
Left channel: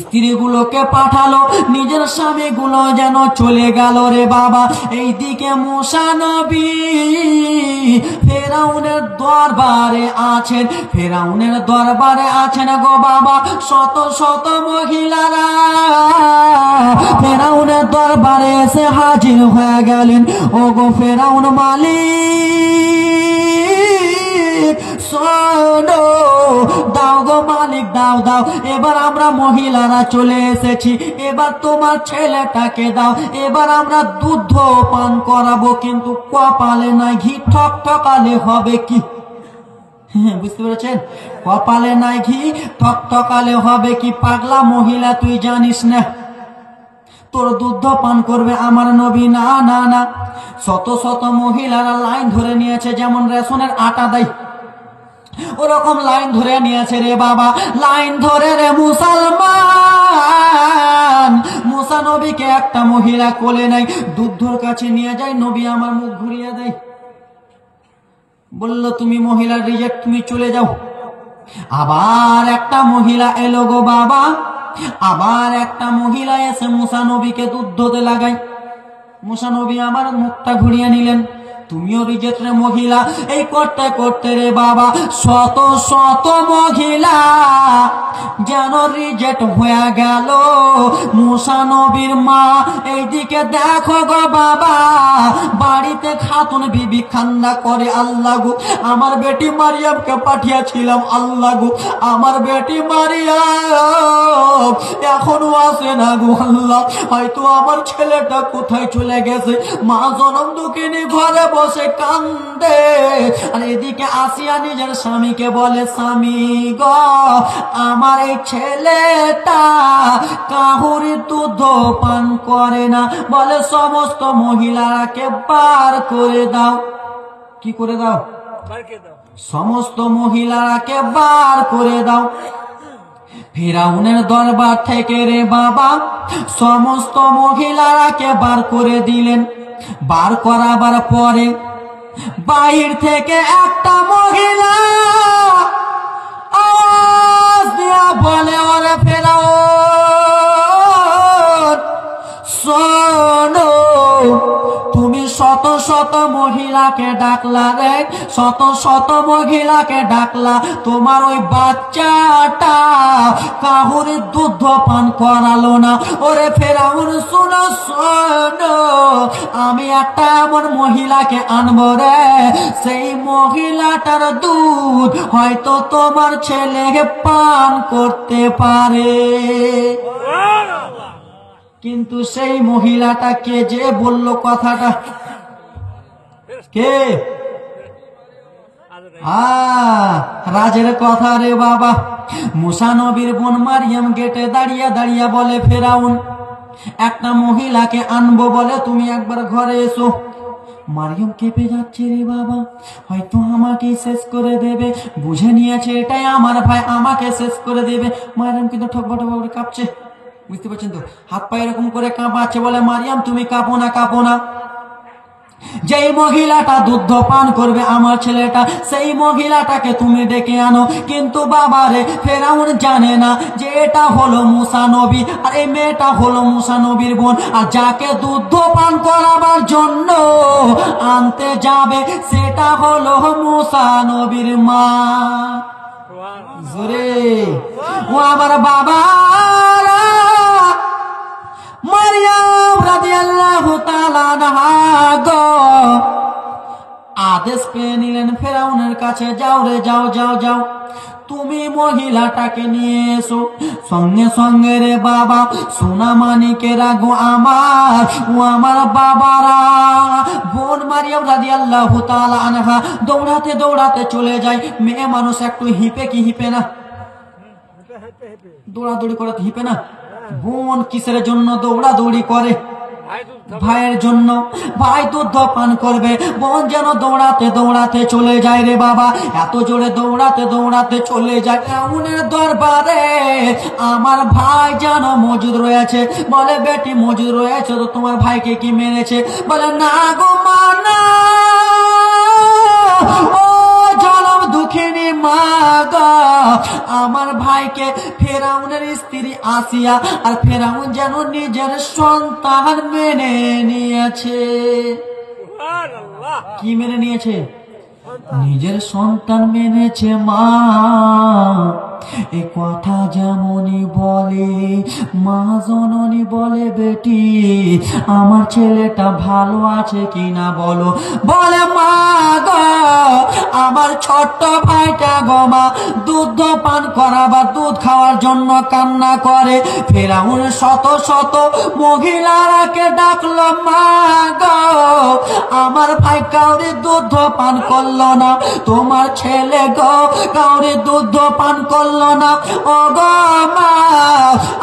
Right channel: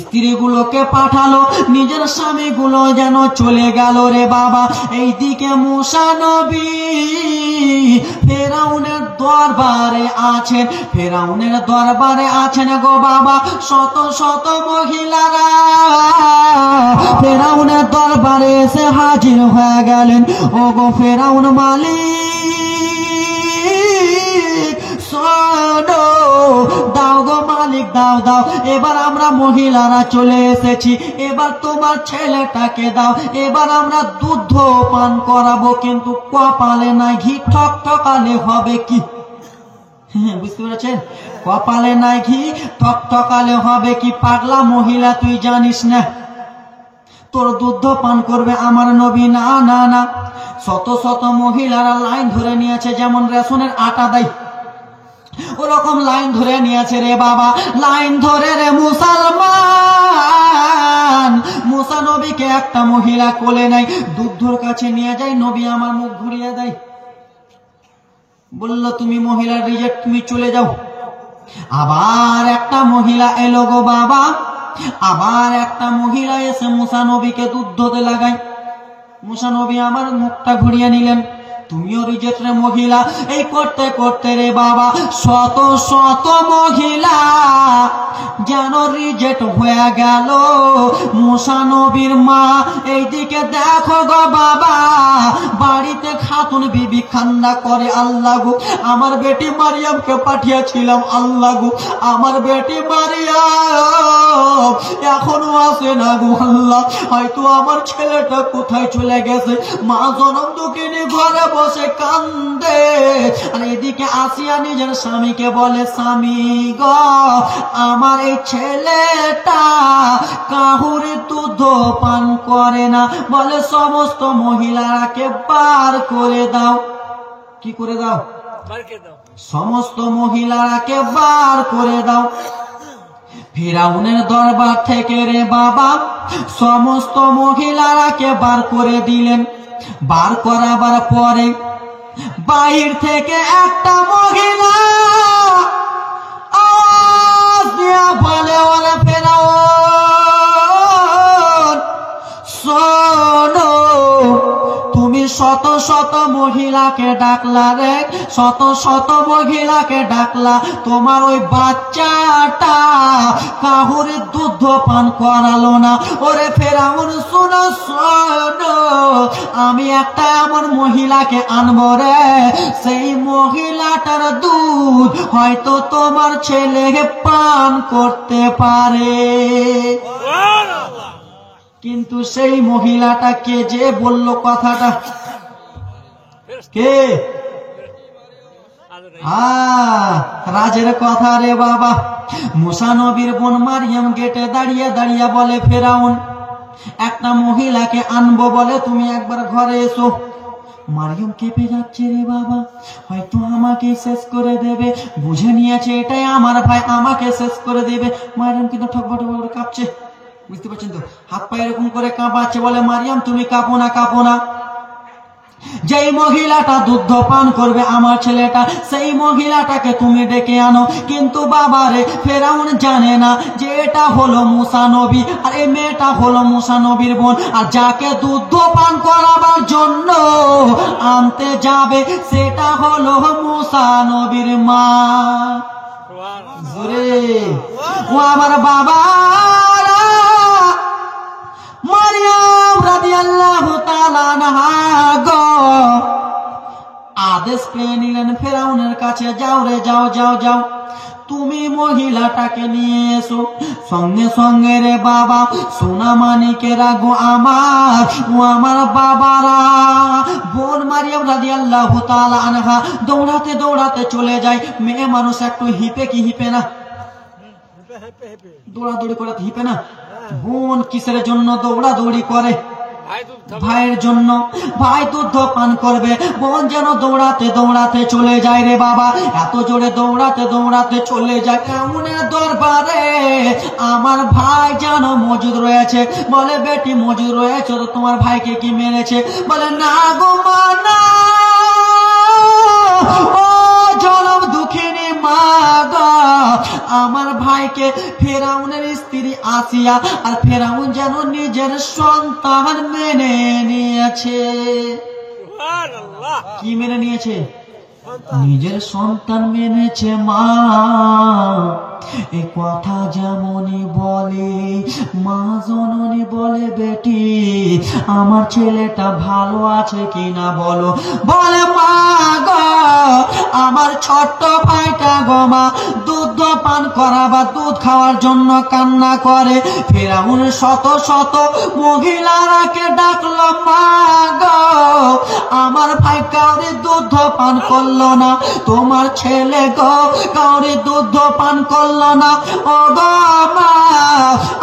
স্ত্রীগুলোকে পাঠালো, নিজের স্বামীগুলো যেন চলে গেল রে বাবা। এইদিকে মুসা নবী ফেরাউনের দরবারে আছেন গো বাবা। শত শত মহিলারা ফেরাউনের দরবারে এসে হাজির হয়ে গেলেন। ও গো ফেরাউন মালিক শোনো, দাও গো মালিক, দাও দাও, এবার আমরা মহিলারা চলে এসেছি, এবার তোমার ছেলেটাকে দাও, এবার আমরা দুধ পান করাবো, কিন্তু কপালে নাই ঘি, ঠকঠকালে হবে কি? বুঝতে পেরেছেন? কপালে নাই ঘি, ঠকঠকালে হবে কি? পাগলা মহিলা, তুই জানিস না তোর দুধ পান করবে আমার নবী? না না না। শত শত মহিলারা লাইন ধরে নিয়েছে, যেমন রেশনের আটা দেয় ওরকম লাইন ধরে নিয়েছে রে বাবা। লাইন ধরে রে মুসলমান, মুসা নবীকে একটা মহিলা কোলে নেয়, দুধুর কাছে নিয়ে যায়। নবী আমার মুখ ঘুরিয়ে দেয়, বলল তুমি মহিলা রিজেক্ট, তুমি চলে যাও। আবার একটা মহিলা এলো গো বাবা, আবার একটা মহিলা এসে মুসা নবীকে দুধ ধোতে লাগায়। মুসা নবী আমার মুখটা ঘুরিয়ে নিলেন, তুমিও রিজেক্ট রে মহিলা। এই করতে করতে রে বাবা শত শত মহিলা যেন রিজেক্ট হয়ে গেল। মুসা নবীর মা এইদিকে দেখো গো বাবা, বাড়িতে খাতুন বিবি কান্না করে, আল্লাহ গো আমার বেটি মারিয়ামকে পাঠিয়েছিলাম, আল্লাহ গো আমার বেটি মারিয়াম এখনো আসে না গো, আল্লাহ হয়তো আমার ছেলেটা কোথায় চলে গেছে। মা জনম দুঃখিনী ঘরে বসে কান্দে, আর এদিকে আসিয়া নিজের স্বামীকে বলে, স্বামী গো আমার এই ছেলেটা কাহুরি দুধ পান করে না। বলে সমস্ত মহিলারাকে বার করে দাও। কি করে দাও? সমস্ত মহিলারাকে বার করে দাও। ফিরাউনের দরবার থেকে রে বাবা সমস্ত মহিলারাকে বার করে দিলেন। বার করাবার পরে বাহির থেকে একটা মহিলা আওয়াজ দিয়া বলে, ওরে ফেরাউন শোনো, তুমি শত শত মহিলাকে ডাকলা রে, শত শত মহিলাকে ডাকলা, তোমার ওই বাচ্চাটা কাহুরি দুধ পান করালো না। ওরে ফেরাউন শোনো শোনো, আমি একটা এমন মহিলাকে আনবো রে, সেই মহিলাটার দুধ হয়তো তোমার ছেলেকে পান করতে পারে। কিন্তু সেই মহিলাটা কে যে বলল কথাটা? কে? রাজের কথা রে বাবা। মুসা নবীর বোন মারিয়াম গেটে দাঁড়িয়ে দাঁড়িয়ে বলে, ফেরাউন একটা মহিলাকে আনবো বলে, তুমি একবার ঘরে এসো। মারিয়াম কেঁপে যাচ্ছে রে বাবা, হয়তো আমাকে শেষ করে দেবে, বুঝে নিয়েছে এটাই আমার ভাই, আমাকে শেষ করে দেবে। মারিয়াম কিন্তু ঠকবা ঠকবা কাঁপছে, বুঝতে পারছেন তো, হাত পা এরকম করে কাঁপাচ্ছে। বলে, মারিয়াম তুমি কাঁপো না, কাঁপো না, যেই মহিলাটা দুধ পান করবে আমার ছেলেটা, সেই মহিলাটাকে তুমি ডেকে আনো। কিন্তু বাবারে ফেরাউন জানে না যে এটা হলো মুসা নবী, আর এই মেয়েটা হলো মুসা নবীর বোন, আর যাকে দুধ পান করাবার জন্য আনতে যাবে সেটা হলো মুসা নবীর মা। জোরে ও আমার বাবা মারিয়াম রাদিয়াল্লাহু তাআলা আনহা গো আদেশ পেয়ে নিলেন ফেরাউনের কাছে, যাও রে যাও যাও যাও, তুমি মহিলাটাকে নিয়ে এসো। সঙ্গে সঙ্গে রে বাবা সোনা মানিকেরা গো আমার ও আমার বাবারা, বোন মারিয়াম রাদিয়াল্লাহু তাআলা আনহা দৌড়াতে দৌড়াতে চলে যায়। মেয়ে মানুষ একটু হিপে কি হিপে না, দৌড়াদৌড়ি করে হিপে না। বোন কিসের জন্য দৌড়াদৌড়ি করে? ভাইয়ের জন্য। ভাই দুধ পান করবে, বোন যেন দৌড়াতে দৌড়াতে চলে যায় রে বাবা, এত জোরে দৌড়াতে দৌড়াতে চলে যায় ফেরাউনের দরবারে। আমার ভাই যেন মজুদ রয়েছে, বলে বেটি মজুদ রয়েছে তো তোমার ভাইকে কি মেরেছে? বলে না গো মা না, ও জনম দুঃখিনী মা গো, আমার ভাইকে ফেরাউনের স্ত্রী আসিয়া আর ফেরাউন যেন নিজের সন্তান মেনে নিয়েছে। কি মেনে নিয়েছে? নিজের সন্তান মেনেছে মা। এ কথা যেমনই বলে মা জননী বলে বেটি আমার ছেলেটা ভালো আছে কিনা বলো। বলে মা গো আমার ছোট্ট ভাইটা গো মা দুধ পান করা বা দুধ খাওয়ার জন্য কান্না করে। ফেরাউন শত শত মহিলারাকে ডাকলো, মা গো আমার ভাই কাউরে দুধ পান করলো না, তোমার ছেলে গো কাউরে দুধ পান করলো না। ও গো মা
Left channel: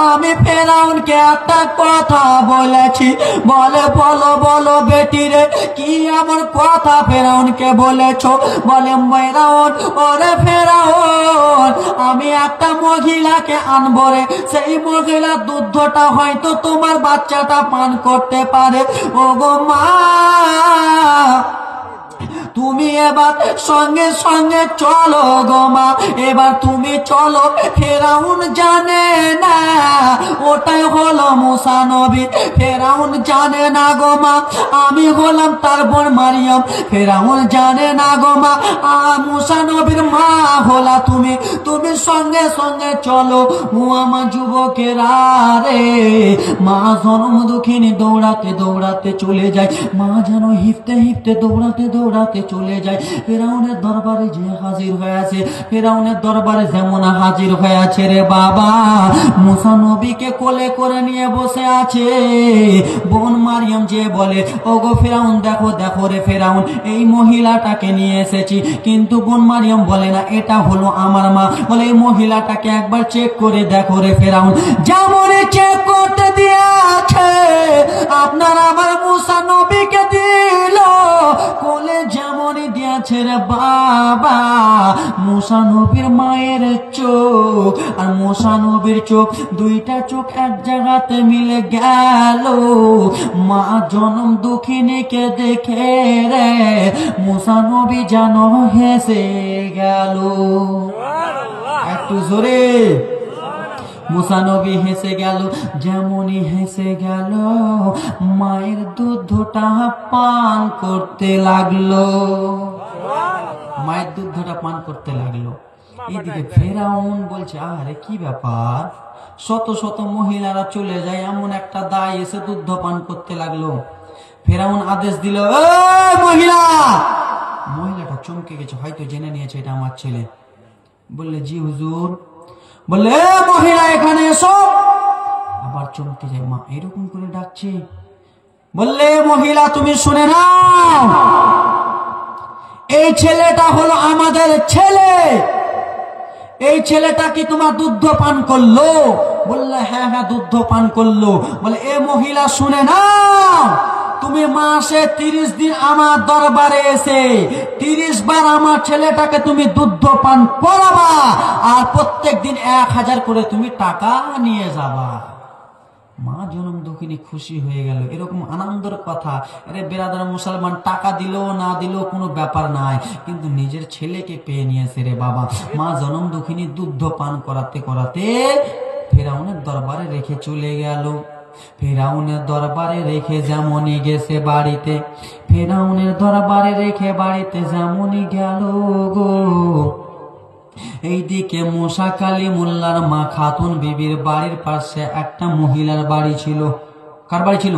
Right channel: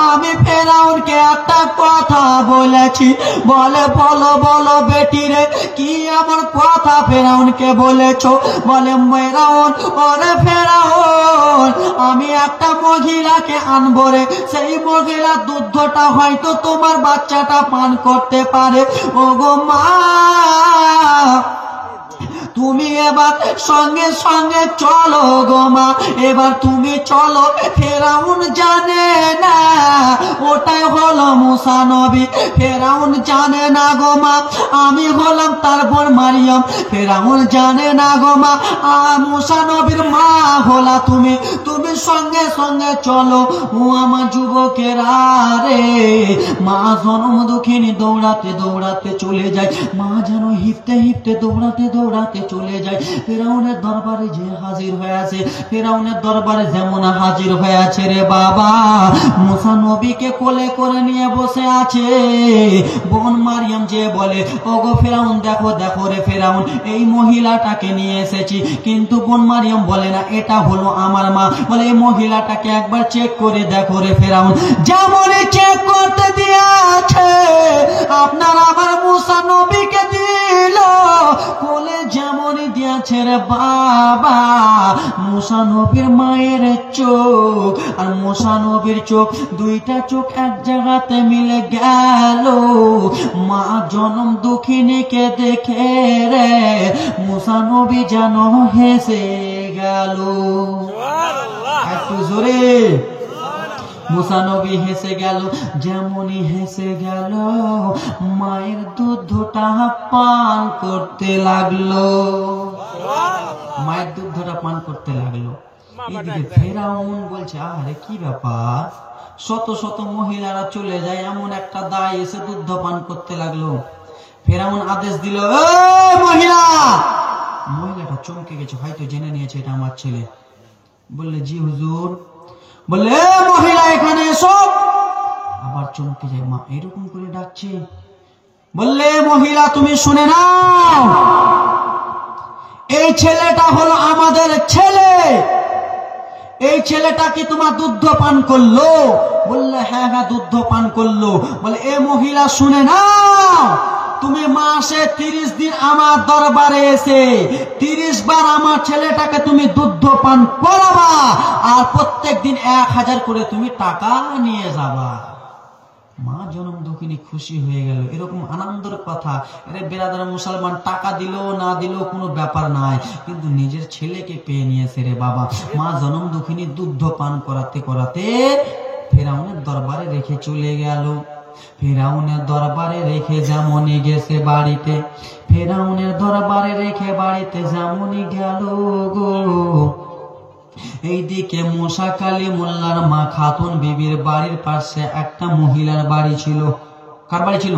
আমি ফেরাউনকে একটা কথা বলেছি। বলে বলো বলো বেটি রে কি আমার কথা ফেরাউনকে বলেছো? বলে ফেরাউন ওরে ফেরাউন আমি একটা মহিলাকে আনবো রে, সেই মহিলা দুধটা হয়তো তোমার বাচ্চাটা পান করতে পারে। ও গো মা তুমি এবার সঙ্গে সঙ্গে চলো গো মা, এবার তুমি চলো। ফেরাউন জানে না ওটাই হলো মুসা নবী, ফেরাউন জানে না গো মা আমি হলাম তার বোন মারিয়াম, ফেরাউন জানে না গো মা মুসা নবীর মা হলা তুমি। তুমি সঙ্গে সঙ্গে চলো। ও আমার যুবকেরা রে, মা জনম দুঃখিনী দৌড়াতে দৌড়াতে চলে যায়। মা যেন হিপতে হিপতে দৌড়াতে দৌড়াতে চলে যায় ফেরাউনের দরবারে। যে হাজির হয়ে আছে ফেরাউনের দরবারে যেমন হাজির হয়ে আছে রে বাবা, মুসা নবীকে কোলে করে নিয়ে বসে আছে। বোন মারিয়াম যে বলে ওগো ফেরাউন দেখো দেখো রে ফেরাউন এই মহিলাটাকে নিয়ে এসেছি। কিন্তু বোন মারিয়াম বলে না এটা হলো আমার মা। বলে এই মহিলাটাকে একবার চেক করে দেখো রে ফেরাউন। যেমন চেক করতে দিয়েছে আপনার আমার মুসা নবীকে দিল কোলে, যেমনই দিয়েছে রে বাবা মুসা নবীর মায়ের চোখ আর মুসা নবীর চোখ দুইটা চোখ এক জায়গাতে মিলে গেল। মা জনম দুঃখিনীকে দেখে রে মুসা নবী যেন হেসে গেল। একটু জোরে মুসা নবী হেসে গেল। যেমনই হেসে গেল মায়ের দুধটা পান করতে লাগলো, মায়ের দুধটা পান করতে লাগলো। এদিকে ফেরাউন বলছে আরে কি ব্যাপার, শত শত মহিলারা চলে যায় এমন একটা দায় এসে দুধ পান করতে লাগলো। ফেরাউন আদেশ দিল মহিলা, মহিলাটা চমকে গেছে, হয়তো জেনে নিয়েছে এটা আমার ছেলে। বললে জি হুজুর। বললে মহিলা এখানে এসো। আবার চমকে যায়, মা এরকম করে ডাকছে। বললে মহিলা তুমি শুনে নাও, এই ছেলেটা হলো আমাদের ছেলে, এই ছেলেটা কি তোমার দুধ পান করলো? বললে হ্যাঁ হ্যাঁ দুধ পান করলো। বলে এ মহিলা শুনে নাও, তুমি মাসে 30 দিন আমার দরবারে এসে 30 বার আমার ছেলেটাকে তুমি দুধ পান করাবা আর প্রত্যেক দিন 1000 করে তুমি টাকা নিয়ে যাবা। মা জনম দুঃখিনী খুশি হয়ে গেল। এরকম আনন্দের কথা। আরে বেরাদার মুসলমান টাকা দিলেও না দিলেও কোনো ব্যাপার নাই, কিন্তু নিজের ছেলেকে পেয়ে নিয়েছে রে বাবা। মা জনম দুঃখিনী দুধ পান করাতে করাতে ফেরাউনের দরবারে রেখে চলে গেল। ফেরাউনের দরবারে রেখে যেমনই গেছে বাড়িতে, ফেরাউনের দরবারে রেখে বাড়িতে যেমনই গেল গো এইদিকে মুসা কালিমুল্লাহর মা খাতুন বিবির বাড়ির পাশে একটা মহিলার বাড়ি ছিল। কার বাড়ি ছিল?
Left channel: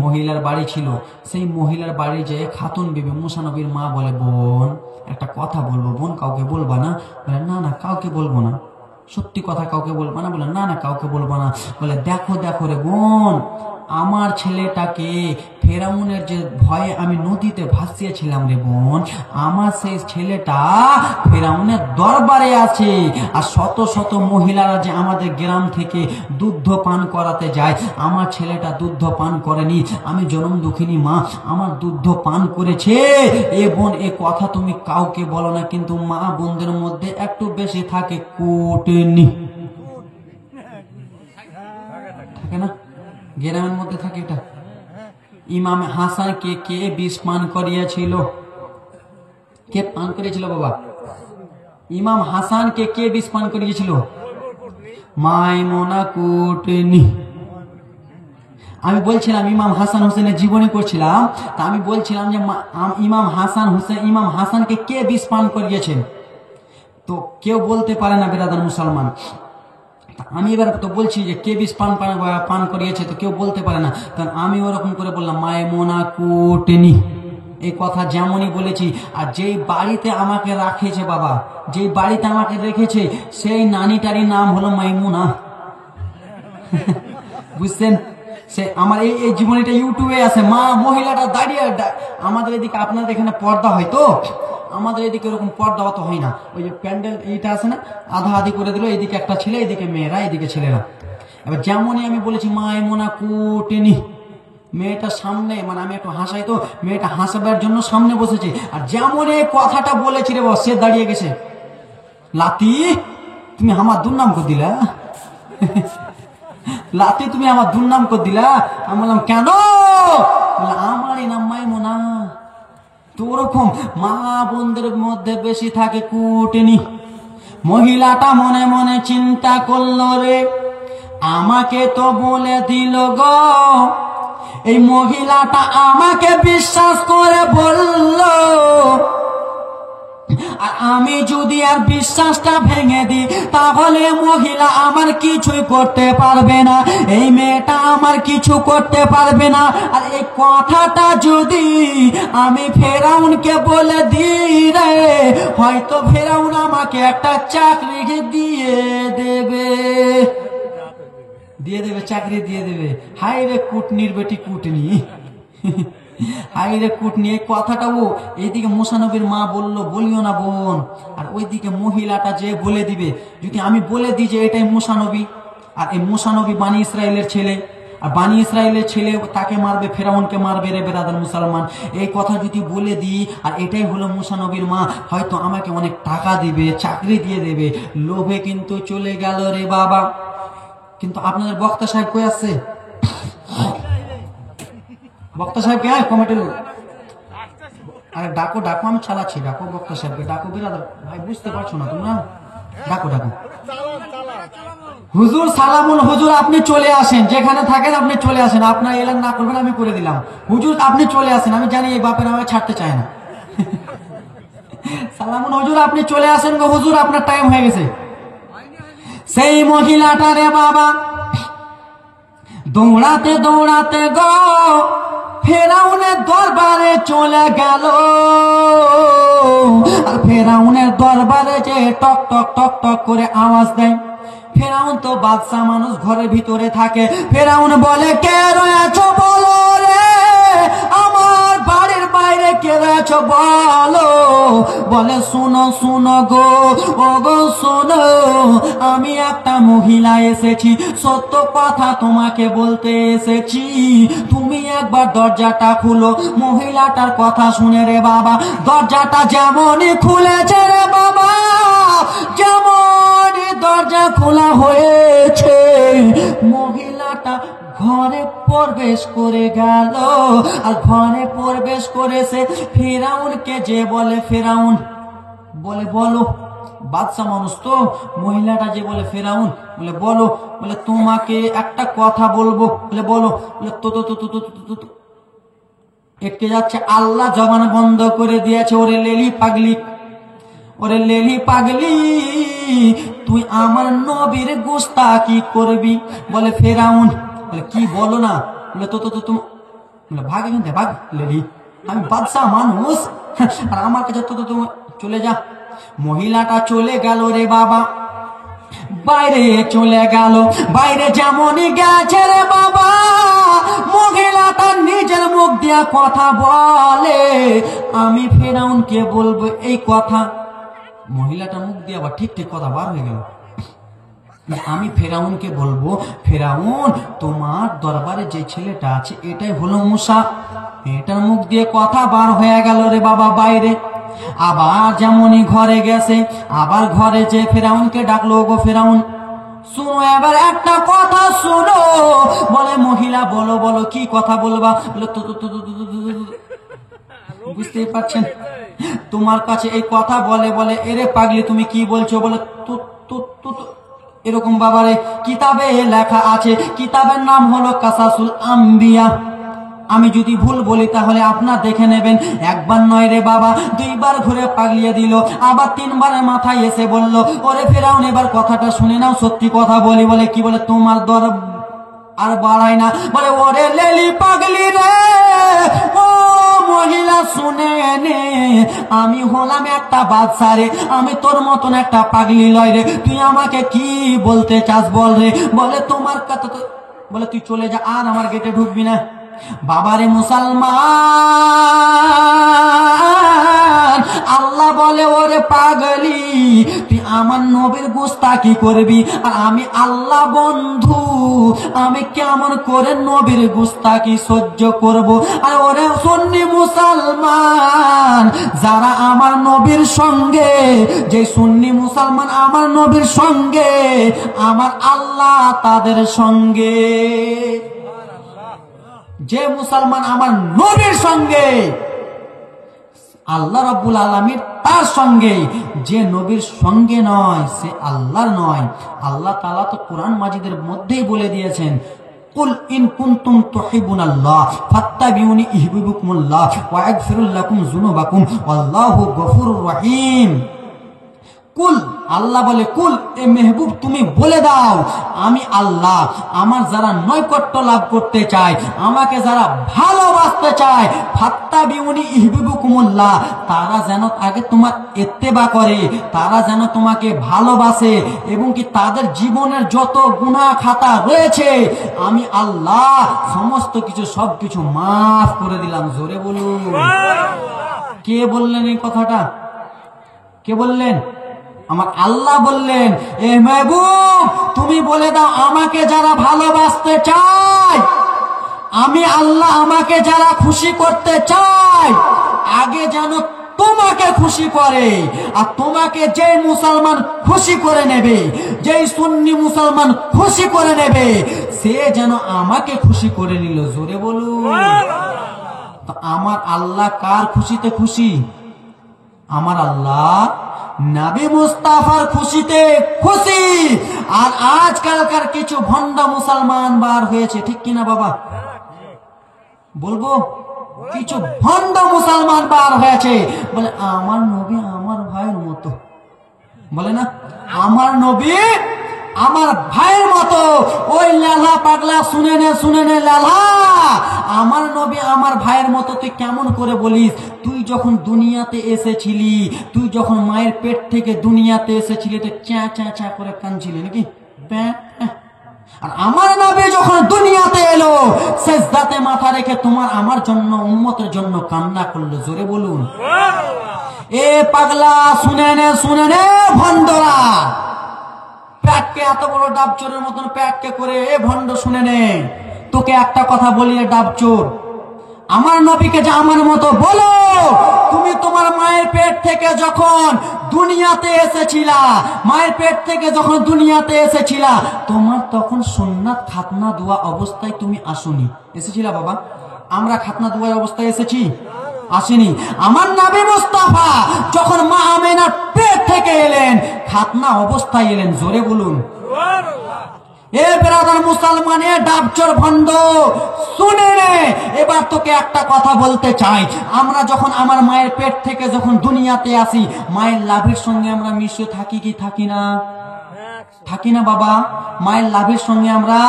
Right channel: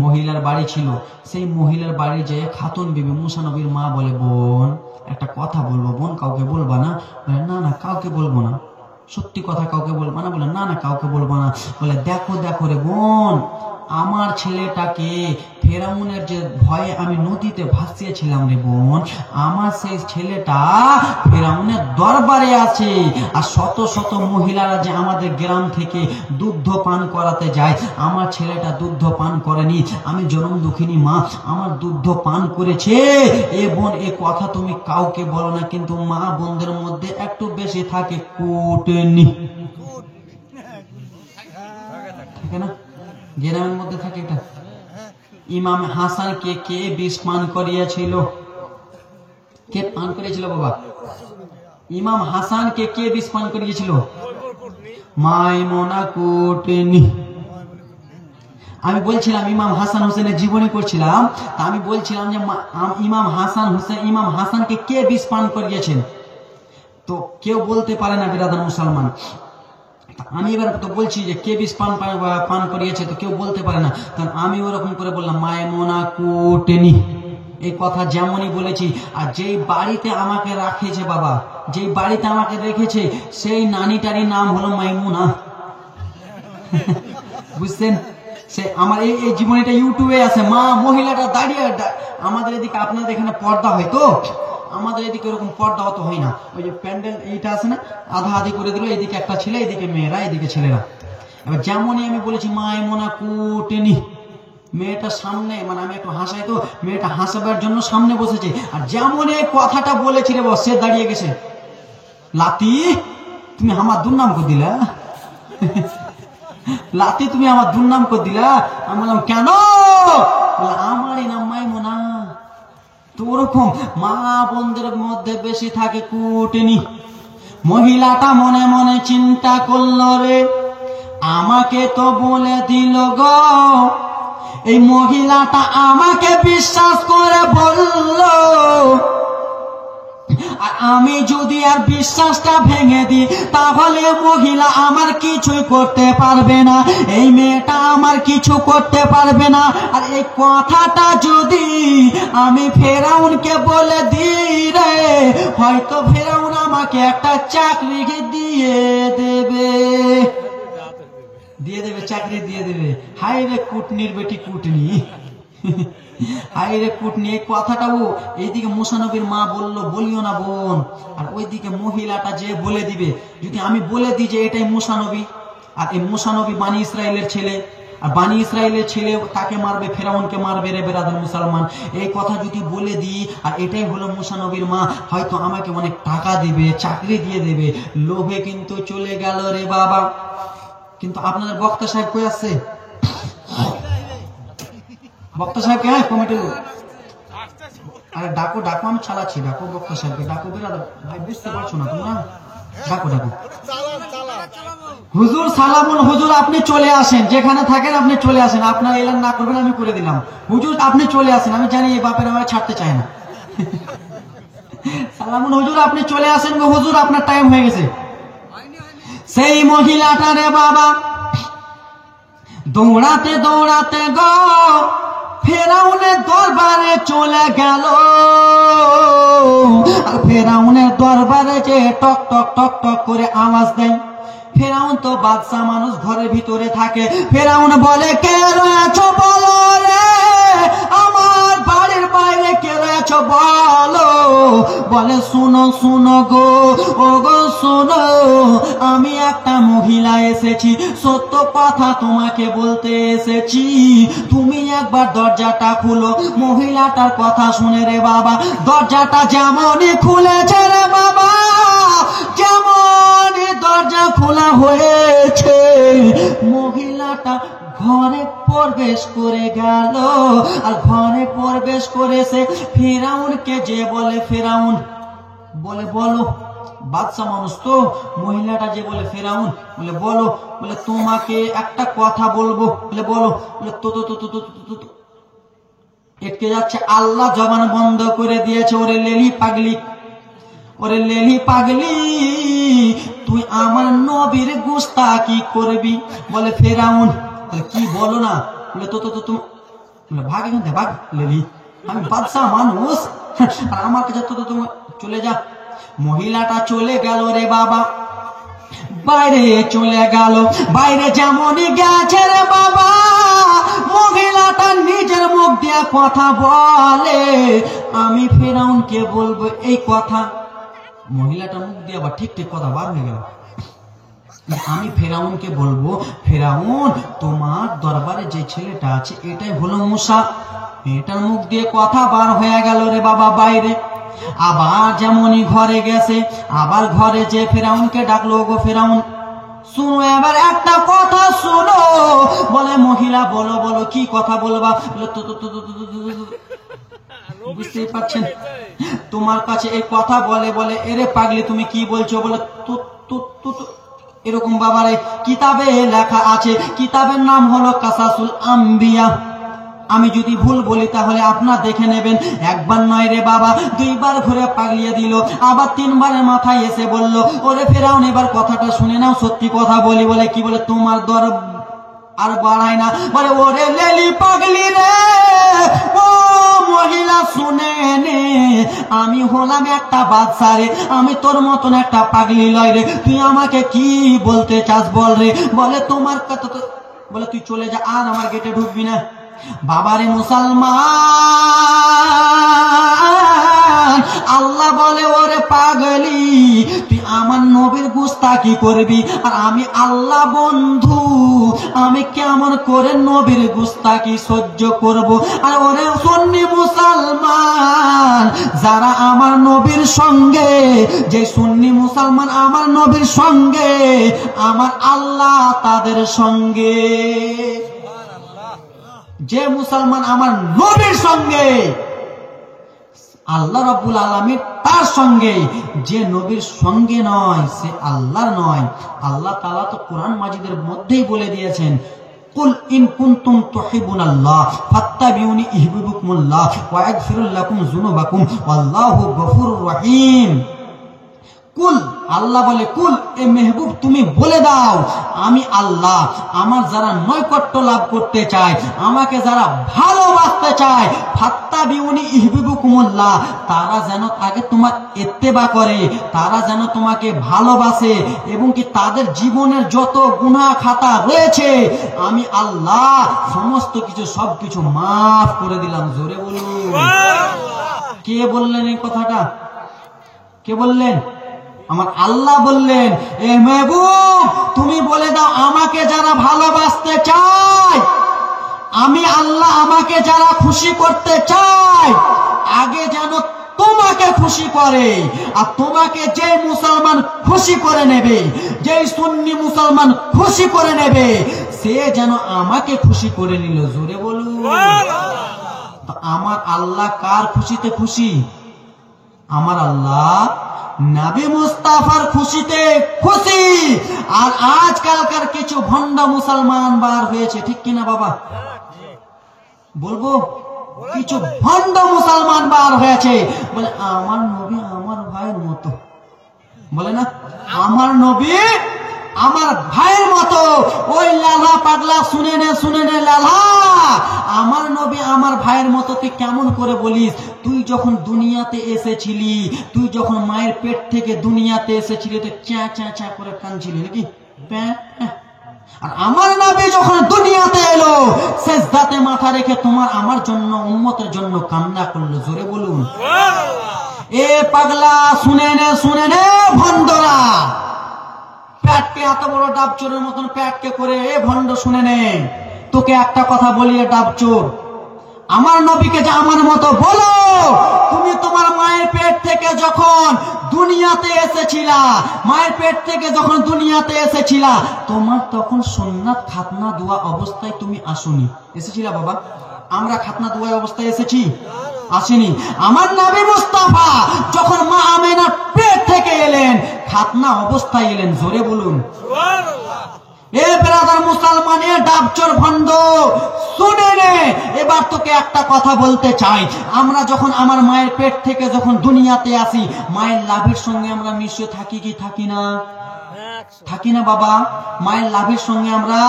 মহিলার বাড়ি ছিল। সেই মহিলার বাড়ি যেয়ে খাতুন বিবি মুসা নবীর মা বলে, বোন একটা কথা বলবো, বোন কাউকে বলবা না? বলে না না কাউকে বলবো না। সত্যি কথা কাউকে বলবো না? বলে না না কাউকে বলবো না। বলে দেখো দেখো রে বোন, আমার ছেলেটাকে ফেরাউনের যে ভয়ে আমি নদীতে ভাসিয়েছিলাম রে বোন, আমার সেই ছেলেটা ফেরাউনের দরবারে আছে। আর শত শত মহিলারা যে আমাদের গ্রাম থেকে দুগ্ধ পান করাতে যায়, আমার ছেলেটা দুগ্ধ পান করেনি। আমি জনম দুঃখিনী মা, আমার দুগ্ধ পান করেছে। এ বোন এ কথা তুমি কাউকে বলো না, কিন্তু মা বোনদের মধ্যে একটু বেশি থাকে কুটনি, থাকে না? গ্রামের মধ্যে থাকে এটা। ইমাম হাসানকে কে বিষ পান করিয়েছিল? কে পান করিয়েছিল বাবা? ইমাম হাসানকে কে বিষ পান করিয়েছিল? মাইমুনা কুটনি। আমি বলছিলাম ইমাম হাসান হোসেনের জীবনী করছিলাম, তা আমি বলছিলাম যে ইমাম হাসানকে কে বিষ পান করিয়েছেন? তো কেউ বলতে পারে না বিরাদার মুসলমান। আমি এবার তো বলছি যে কে বিষ পান করিয়েছে, তো কেউ বলতে পারে না। কারণ আমি ওরকম করে বললাম মাইমুনা কুটনি, এই কথা যেমনই বলেছি। আর যেই বাড়িতে আমাকে রাখেছে বাবা, যেই বাড়িতে আমাকে রেখেছে, সেই নানিটারই নাম হলো মাইমুনা। বুঝছেন? সে আমার এই জীবনীটা ইউটিউবে আছে। মা মহিলাটা দাঁড়িয়ে, আমাদের এদিকে আপনাদের এখানে পর্দা হয় তো, আমাদের এদিকে এরকম পর্দা অত হয় না। ওই যে প্যান্ডেল এইটা আছে না, আধা আধি করে দিল, এইদিকে একটা ছেলে, এইদিকে মেয়েরা, এইদিকে ছেলেরা। এবার যেমনই আমি বলেছি মাইমুনা কুটনি, মেয়েটা সামনে, মানে আমি একটু হাসাই তো, মেয়েটা হাসাবার জন্য সামনে বসেছে। আর যেমন এই কথাটা বলেছি রে বস, সে দাঁড়িয়ে গেছে। লাতি তুমি আমার দুর্নাম করে দিলা, লাতি তুমি আমার দুর্নাম করে দিলা। আমি বললাম কেন? আমারই নাম মাইমুনা। তো ওরকম মা বোনদের মধ্যে বেশি থাকে কুটনি। মহিলাটা মনে মনে চিন্তা করলো, রে আমাকে তো বলে দিল গো, এই মহিলাটা আমাকে বিশ্বাস করে বলল, আর আমি যদি আর বিশ্বাসটা ভেঙে দিই, তাহলে মহিলা আমার কিছুই করতে পারবে না, এই মেয়েটা আমার কিছু করতে পারবে না। আর এই কথাটা যদি আমি ফেরাউনকে বলে দিই রে, হয়তো ফেরাউন আমাকে একটা চাকরি দিয়ে দেবে, চাকরি দিয়ে দেবে। হাই রে কুটনির বেটি কুটনি, হাই রে কুটনি। এই কথাটা ও এইদিকে মুসা নবীর মা বললো বলিও না বোন, আর ওইদিকে মহিলাটা যে বলে দিবে। যদি আমি বলে দিই যে এটাই মুসা নবী, আর এই মুসা নবী বানি ইসরায়েলের ছেলে, আর বানি ইসরায়েলের ছেলে কাকে মারবে? ফেরাউনকে মারবে রে বেরাদার মুসলমান। এই কথা যদি বলে দিই আর এটাই হলো মুসা নবীর মা, হয়তো আমাকে অনেক টাকা দিবে, চাকরি দিয়ে দেবে। লোভে কিন্তু চলে গেল রে বাবা। কিন্তু আপনাদের বক্তা সাহেব কই আছে? বক্তা সাহেবকে হ্যাঁ কমিটির লোক, আরে ডাকো ডাকো, আমি চালাচ্ছি, ডাকো বক্তা সাহেবকে, ডাকো বেরাদার ভাই, বুঝতে পারছো না তুমি? না ডাকো ডাকো। হুজুর সালামুন, হুজুর আপনি চলে আসেন, যেখানে থাকেন আপনি চলে আসেন। আপনার এলেন না করবেন, আমি করে দিলাম। হুজুর আপনি চলে আসেন, আমি জানি এই বাপের আমাকে ছাড়তে চায় না। সালামুন হুজুর আপনি চলে আসেন গো, হুজুর আপনার টাইম হয়ে গেছে। সেই মহিলাটা রে বাবা দৌড়াতে দৌড়াতে গো ফেরাউনের দরবারে চলে গেল। আর ফেরাউনের দরবারে যে টক টক টক টক করে আওয়াজ দেয়। ফেরাউন তো বাদশা মানুষ, ঘরের ভিতরে থাকে। ফেরাউন বলে কে রয়েছো বলো রে, আমার বাড়ির বাইরে কে রয়েছো বলো। বলে শুনো শুনো গো, ও গো শোনো, আমি একটা মহিলা এসেছি, সত্য কথা তোমাকে বলতে এসেছি। তুমি একবার দরজাটা খুলো। মহিলাটার কথা শুনে রে বাবা দরজাটা যেমনই খুলেছে রে বাবা, যেমনই দরজা খোলা হয়েছে, মহিলাটা ঘরে প্রবেশ করে গেল। আর ঘরে প্রবেশ করেছে ফেরাউনকে যে বলে, ফেরাউন বলে বলো, বাদশা মানুষ তো, মহিলাটা যে বলে ফেরাউন বলে বলো, বলে তোমাকে একটা কথা বলবো, বলে বলো, বলে তো তো তো তো তো তো এটকে যাচ্ছে। আল্লাহ জবান বন্ধ করে দিয়েছে। ওরে লেলি পাগলি, ওরে লেলি পাগলি, তুই আমার নবীর গোস্তাকি করবি? বলে ফেরাউন। বলে কি বলো না? বলে তো তুমি ভাগ এখান থেকে, ভাগ লেলি, আমি বাদশাহ মানুষ, আর আমার কাছে তো তুমি চলে যা। মহিলাটা চলে গেল রে বাবা, বাইরে চলে গেল। বাইরে যেমনই গেছে রে বাবা, মহিলাটা নিজের মুখ দিয়ে কথা বলে, আমি ফেরাউনকে বলবো এই কথা। মহিলাটা মুখ দিয়ে আবার ঠিক ঠিক কথা বার হয়ে গেল, আমি ফেরাউনকে বলবো, ফেরাউন তোমার দরবারে যে ছেলেটা আছে এটাই হলো মুসা। এটার মুখ দিয়ে কথা বার হয়ে গেল রে বাবা বাইরে। আবার যেমনই ঘরে গেছে, আবার ঘরে যে ফেরাউনকে ডাকলো, গো ফেরাউন শুনো এবার একটা কথা শুনো। বলে মহিলা বলো বলো, কি কথা বলবা? বলে বুঝতেই পারছেন, তোমার কাছে এই কথা বলে বলে এরে পাগলি তুমি কি বলছো? বলে এরকম বাবারে কিতাবে লেখা আছে, কিতাবের নাম হলো কাসাসুল আম্বিয়া। আমি যদি ভুল বলি তাহলে আপনার দেখে নেবেন। একবার নয় রে বাবা, দুইবার ঘুরে পাগলিয়ে দিল, আবার তিনবারের মাথায় এসে বলল, ওরে ফেরাউন এবার কথাটা শুনে নাও, সত্যি কথা বলি। বলে কি? বলে তোমার দর আর বাড়াই না। বলে ওরে লেলি পাগলি রে, ও মহিলা শুনে নে, আমি হলাম একটা বাদশা রে, আমি তোর মতন একটা পাগলি লয় রে, তুই আমাকে কি বলতে চাস বল রে? বলে তোমার কথা তো, বলে তুই চলে যা, আর আমার গেটে ঢুকবি না। বাবারে মুসলমান, আল্লাহ বলে ওরে পাগলি, তুই আমার নবীর গোস্তাকি করবি, আর আমি আল্লাহ বন্ধু, আমি কেমন করে নবীর গোস্তাকি সহ্য করব? আর ওরে সুন্নি মুসলমান, যারা আমার নবীর সঙ্গে, যে সুন্নি মুসলমান আমার নবীর সঙ্গে, আমার আল্লাহ তাদের সঙ্গে। যে মুসলমান আমার নবীর সঙ্গে, আল্লাহ রাব্বুল আলামিন তার সঙ্গে। যে নবীর সঙ্গে নয় সে আল্লাহর নয়। আল্লাহ তাআলা তো কোরআন মাজিদের মধ্যেই বলে দিয়েছেন, কুল ইন কুনতুম তুহিব্বুনাল্লাহ ফাত্তাবিউনি ইহবিবকুমুল্লাহ ওয়া ইয়াগফিরু লাকুম যুনুবাকুম ওয়াল্লাহু গফুরুর রহিম। কুল, আল্লাহ বলে কুল, এ মেহবুব তুমি বলে দাও, আমি আল্লাহ, আমার যারা নৈকট্য লাভ করতে চায়, আমাকে যারা ভালোবাসতে চায়, ফাত্তাবিউনি ইহবিবকুমুল্লাহ, তারা যেন আগে তোমার ইত্তেবা করে, তারা যেন তোমাকে ভালোবাসে, এবং কি তাদের জীবনের যত গুনাহ খাতা রয়েছে আমি আল্লাহ সমস্ত কিছু সবকিছু মাফ করে দিলাম। জোরে বলুন। কে বললেন এই কথাটা? কে বললেন? আমার আল্লাহ বললেন, এ মেহবুব তুমি বলে দাও, আমাকে যারা ভালোবাসতে চায়, আমি আল্লাহ আমাকে যারা খুশি করতে চায়, আগে যেন তোমাকে খুশি করে। আর তোমাকে যেই মুসলমান খুশি করে নেবে, যেই সুন্নি মুসলমান খুশি করে নেবে, সে যেন আমাকে খুশি করে নিল। জোরে বলুন। তো আমার আল্লাহ কার খুশিতে খুশি? আমার আল্লাহ নবী মুস্তাফার খুশিতে খুশি। আর আজকালকার কিছু ভণ্ড মুসলমান বার হয়েছে, ঠিক কিনা বাবা? বলবো, কিছু ভণ্ড মুসলমান বার হয়েছে, বলে আমার নবী আমার ভাইয়ের মতো। বলে না, আমার নবী আমার ভাইয়ের মতো। ওই লালা পাগলা, শুনে নে লালা, আমার নবী আমার ভাইয়ের মতো তুই কেমন করে বলিস? তুই যখন দুনিয়াতে এসেছিলি, তুই যখন মায়ের পেট থেকে দুনিয়াতে এসেছিলি, তুই চ্যাঁ চ্যাঁ চ্যাঁ করে কাঁদছিলি নাকি? আর আমার নবী যখন দুনিয়াতে এলো, সিজদাতে মাথা রেখে তোমার আমার জন্য, উম্মতের জন্য কান্না করলো। জোরে বলুন। এ পাগলা শুনে নে ভণ্ডরা, প্যাটকে এত বড় ডাবচোরের মতন প্যাটকে করে, এ ভণ্ড শুনে নে, তোকে একটা কথা বলি, ডাবচোর, আমার নবীকে যে আমার মতো বলো, তুমি তোমার মায়ের পেট থেকে যখন দুনিয়াতে এসেছিলা, মায়ের পেট থেকে যখন দুনিয়াতে এসেছিলা, তোমার তখন সুন্নাত খাতনা দোয়া অবস্থায় তুমি আসুনি। এসেছিলা বাবা? আমরা খাতনা দোয়া অবস্থায় এসেছি? আসেনি। আমার নবী মুস্তাফা যখন মা আমেনার পেট থেকে এলেন, খাতনা অবস্থায় এলেন। জোরে বলুন। এ ব্রাদার মুসলমান, এ ডাবচোর ভণ্ড, শুনে নে। এবার তোকে একটা কথা বলতে চাই, আমরা যখন আমার মায়ের পেট থেকে যখন দুনিয়াতে আসি, মায়ের লাভের সঙ্গে আমরা মিশে থাকি কি থাকি না? থাকি না বাবা? মায়ের লাভের সঙ্গে আমরা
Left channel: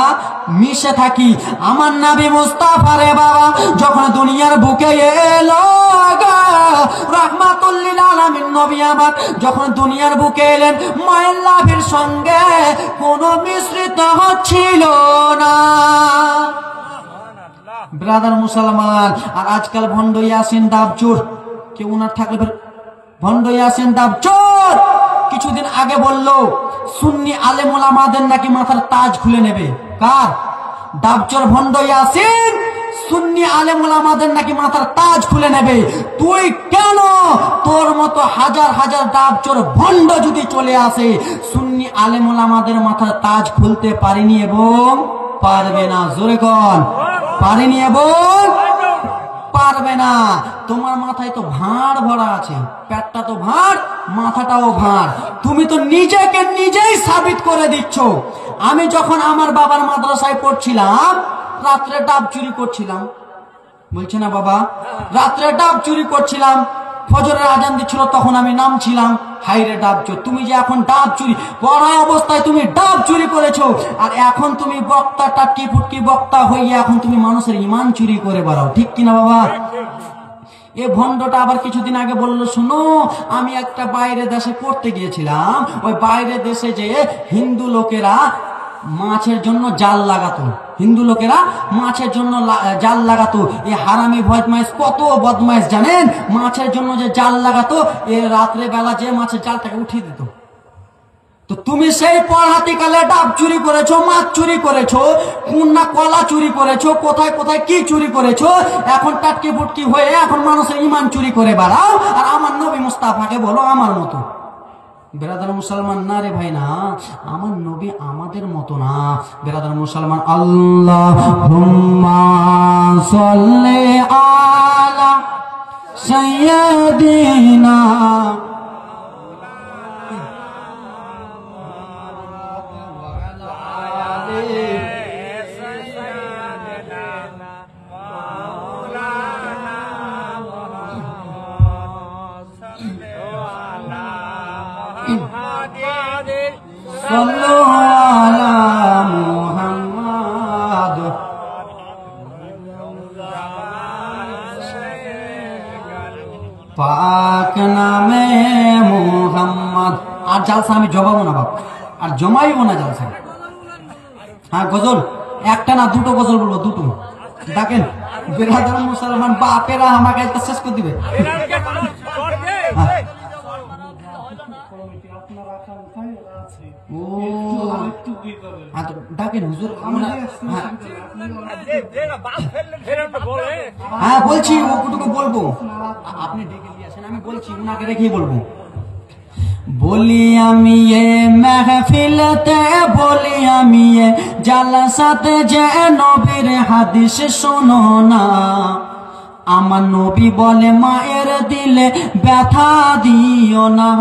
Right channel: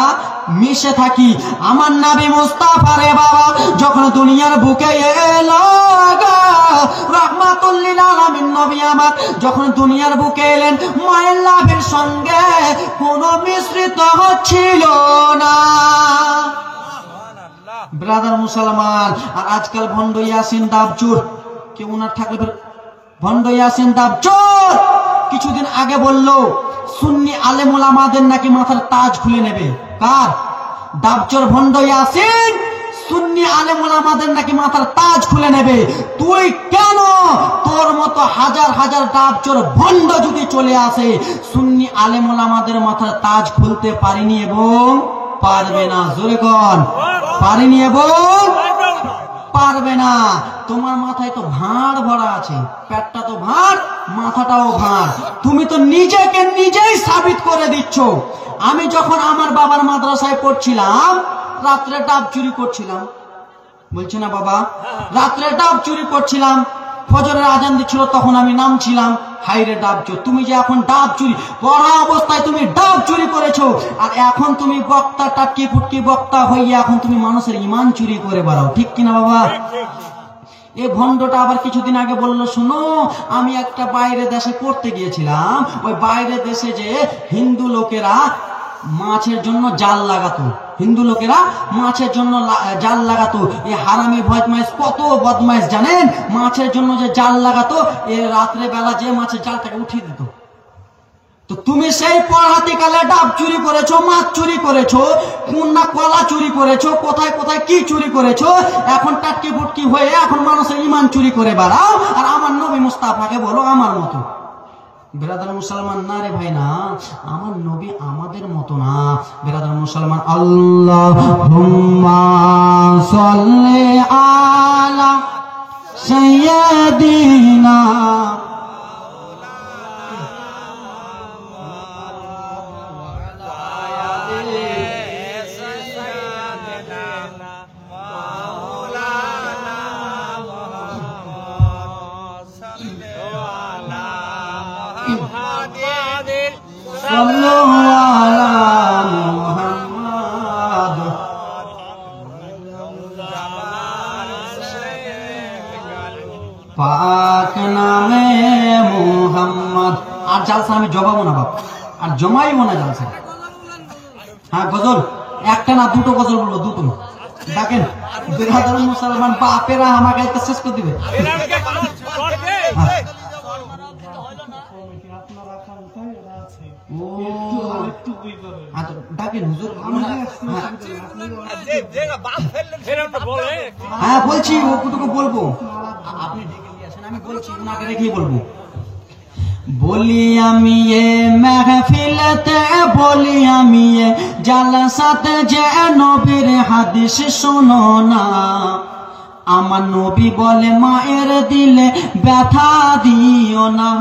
মিশে থাকি। আমার নবী মুস্তাফা রে বাবা যখন দুনিয়ার বুকে এলো, রাহমাতুল লিল আলামিন নবী আমার যখন দুনিয়ার বুকে এলেন, মায়ের লাভের সঙ্গে কোনো মিশ্রিত ছিল না। ব্রাদার মুসলমান, আর আজকাল ভণ্ড ইয়াসিন দাবচোর, কেউ না থাকলে ভণ্ড ইয়াসিন দাবচোর কিছুদিন আগে বললো সুন্নি আলেম ওলামাদের নাকি মাথার তাজ খুলে নেবে। কার? দাবচোর ভণ্ড ইয়াসিন সুন্নি আলেম ওলামাদের নাকি মাথার তাজ খুলে নেবে। তুই কেন তোর মতো হাজার হাজার দাবচোর ভণ্ড যদি চলে আসে, সুন্নি আলেম ওলামাদের মাথার তাজ খুলতে পারিনি এবং পারবে না? জোরে কন, পারিনি এবং পারবে না। তোমার মাথায় তো ভাঁড় ভরা আছে, পেটটা তো ভাঁড়, মাথাটাও ভাঁড়। তুমি তো নিজেকে নিজেই সাবিত করে দিচ্ছ। আমি যখন আমার বাবার মাদ্রাসায় পড়ছিলাম, রাত্রে ডাব চুরি করছিলাম, বলছে না বাবা? রাত্রে ডাব চুরি করছিলাম, ফজরের আজান দিচ্ছিল, তখন আমি নামছিলাম। হাইরে ডাব চোর, তুমি যে এখন ডাব চুরি পড়া অবস্থায় তুমি ডাব চুরি করেছো, আর এখন তুমি বক্তা টাটকি ফুটকি বক্তা হয়ে এখন তুমি মানুষের ইমান চুরি করে বেড়াও, ঠিক কিনা বাবা? এই ভণ্ডটা আবার কিছুদিন আগে বললো, শোনো আমি একটা বাইরে দেশে পড়তে গিয়েছিলাম, ওই বাইরে দেশে যে হিন্দু লোকেরা মাছের জন্য জাল লাগাতো, হিন্দু লোকেরা মাছের জন্য জাল লাগাতো। এই হারামি বদমাইশ, কত বদমাইশ জানেন? মাছের জন্য যে জাল লাগাতো, এ রাত্রে বেলা যে মাছের জালটাকে উঠিয়ে দিত। তো তুমি সেই পড়াতিকালে ডাব চুরি করেছো, মাছ চুরি করেছো, কোন না কলা চুরি করেছো, কোথায় কোথায় কি চুরি করেছো, এখন টাটকি ফুটকি হয়ে এখন মানুষের ইমান চুরি করে বেড়াও, আর আমার নবী মুস্তাফাকে বলো আমার মতো। বেরাদার মুসলমান না রে ভাই, না, আমার নবী আমাদের মতো না। বেরাদার মুসলমান, আল্লাহুম্মা সাল্লি আলা সাইয়্যিদিনা পাক নামে মুহাম্মদ। আর জালসা আমি জমাবো না বাপ, আর জমাইবো না জালসা। হ্যাঁ গজল একটা না দুটো গজল বলবো, দুটো। দেখেন বেরাদার মুসলমান বাপেরা আমাকে শেষ করে দিবে। ডাকেন হুজুর, হ্যাঁ বলছি ওটুকু বলবো, আপনি ডেকে দিয়ে আসেন, আমি বলছি উনাকে রেখেই বলবো। বলি আমি এ মেহফিলতে, বলি আমি এ জালসাতে, যে নবীর হাদিস শোনো না। আমার নবী বলে মায়ের দিলে ব্যথা দিও না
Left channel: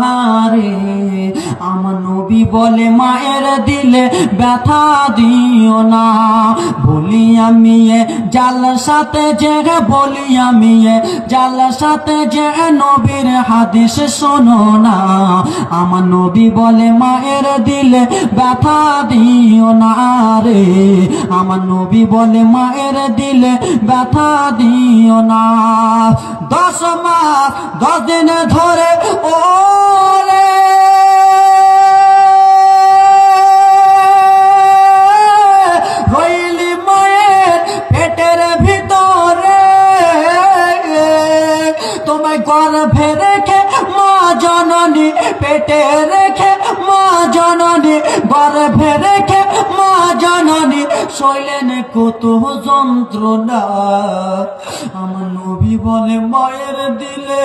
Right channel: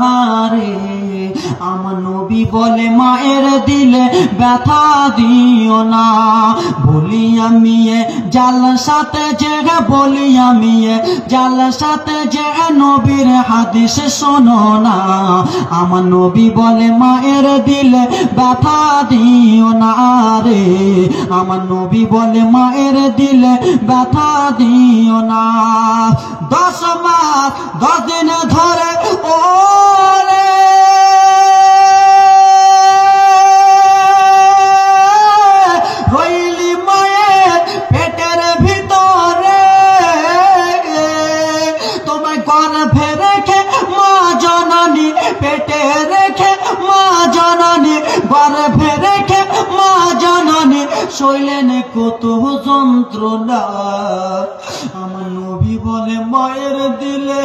রে, আমার নবী বলে মায়ের দিলে ব্যথা দিও না। বলি আমি এ জালসাতে যে, বলি আমি এ জালসাতে যে নবীর হাদিস শোনো না। আমার নবী বলে মায়ের দিলে ব্যথা দিও না রে, আমার নবী বলে মায়ের দিলে ব্যথা দিও না। 10 মাস 10 দিন ধরে ও রইলি মায়ের পেটের ভিতরে, তোমায় গর্ভে রেখে মা জননী, পেটে রেখে মা জননী, গর্ভে রেখে মা জননী সইলেন কত যন্ত্রণা। আমার নবী বলে মায়ের দিলে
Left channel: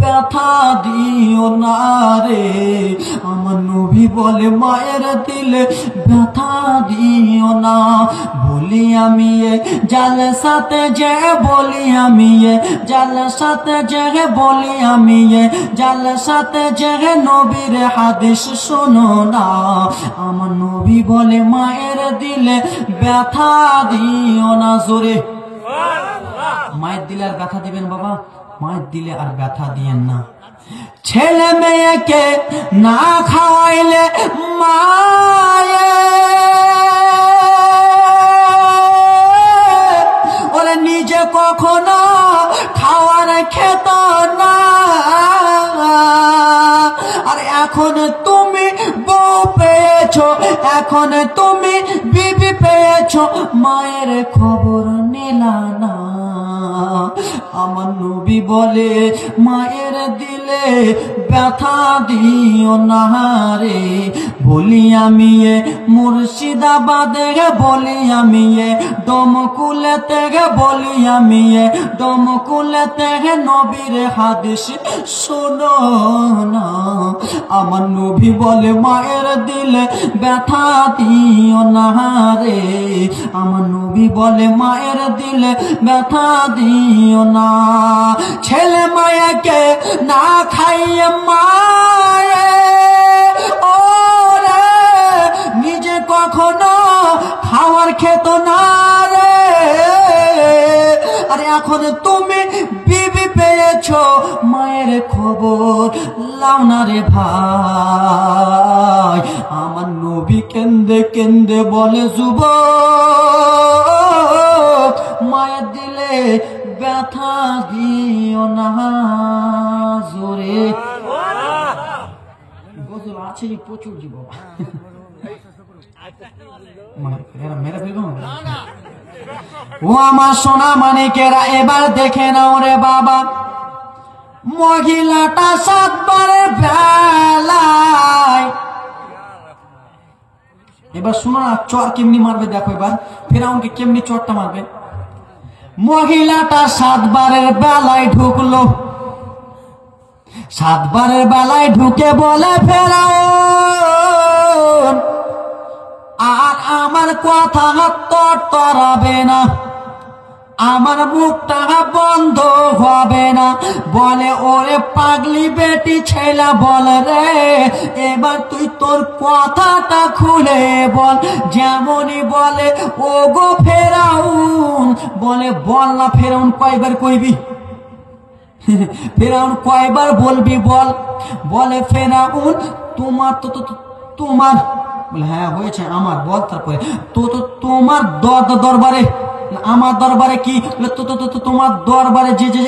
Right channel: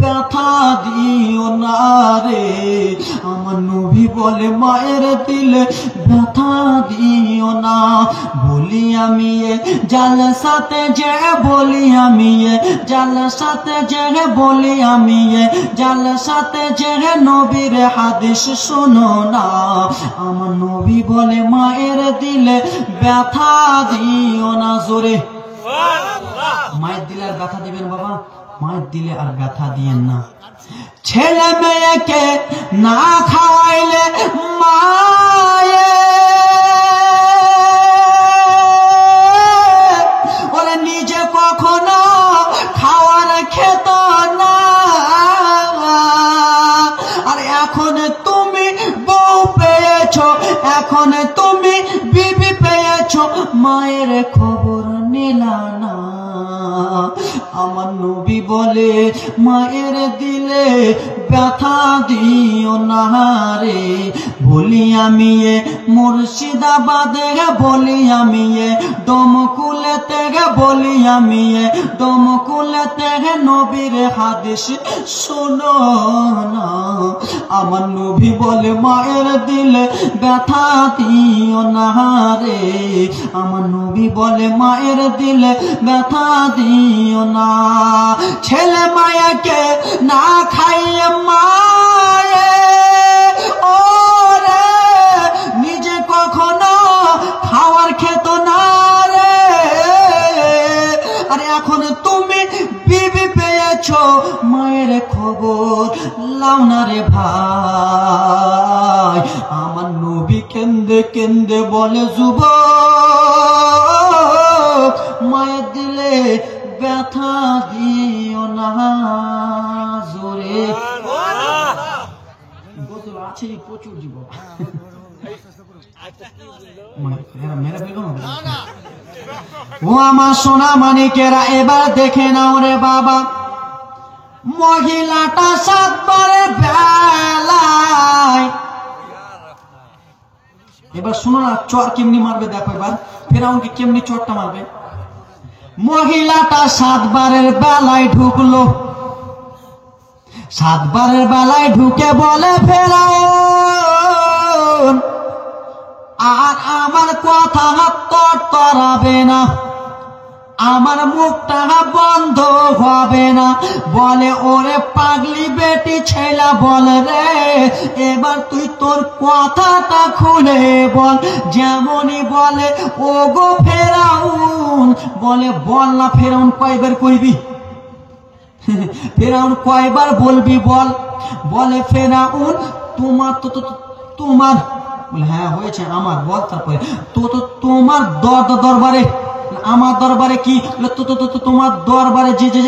ব্যথা দিও না রে, আমার নবী নবী বলে মায়ের দিলে ব্যথা দিও না। বলি আমি জালসাতে যে বলি আমি জালসাতে যে বলি আমি জালসাতে যে নবীর হাদিস শোনো না। আমার নবী বলে মায়ের দিলে ব্যথা দিও না। জোরে মায়ের দিলে আর ব্যথা দিবেন বাবা, মায়ের দিলে আর ব্যথা দিয়েন না। ছেলে মেয়েকে না খাওয়াইলে মায়ে ওরে নিজে কখনো খাওয়ার খেত না। আর এখন তুমি বউ পেয়েছো, এখন তুমি বিবি পেয়েছো, মায়ের খবর নিলা না। আমার নবী বলে মায়ের দিলে ব্যথা দিও না রে। বলি আমি মুর্শিদাবাদে বলি আমি ডোমকুলেতে বলি আমি ডোমকুলেতে নবীর হাদিস শোনো না। আমার নবী বলে মায়ের দিলে ব্যথা দিও না রে। আমার নবী বলে মায়ের দিলে ব্যথা দিও না। ছেলে মায়াকে না খাইয়ে মায়ে ওরে নিজে কখনো খাওয়ার খেত না রে। আরে এখন তুমি বিবি পেয়েছো, মায়ের খবর লাও না রে ভাই। আমার নবী কেন্দে কেন্দে বলে যুবক মায়ের দিলে ব্যথা দিও না। জোরে গোসল আছে প্রচুর যুবক ও আমার সোনা মানিকেরা, এবার দেখে নাও রে বাবা, মহিলাটা 7 বারের বেলায়। এবার শোনো না, চর কেমনি মারবে দেখো, এবার ফেরাউনকে কেমনি চরটা মারবে। মহিলাটা 7 বারের বেলায় ঢুকলো, 7 বারের বেলায় ঢুকে বলে ফেরাউন আর আমার কথা তরাবে না, আমার মুখটা বন্ধ হবে না। বলে ওরে পাগলি বেটি ছেলে বল রে, এবার তুই তোর কথাটা খুলে বল। যেমনই বলে ও গো ফেরাউন, বলে বল না ফেরাউন কয়বার কইবি, ফেরাউন কয়বার বলবি বল। বলে ফেরাউন তোমার তোমার, বলে হ্যাঁ হয়েছে আমার, বল তারপরে তোমার দরবারে, আমার দরবারে কি, তোমার দরবারে যে যে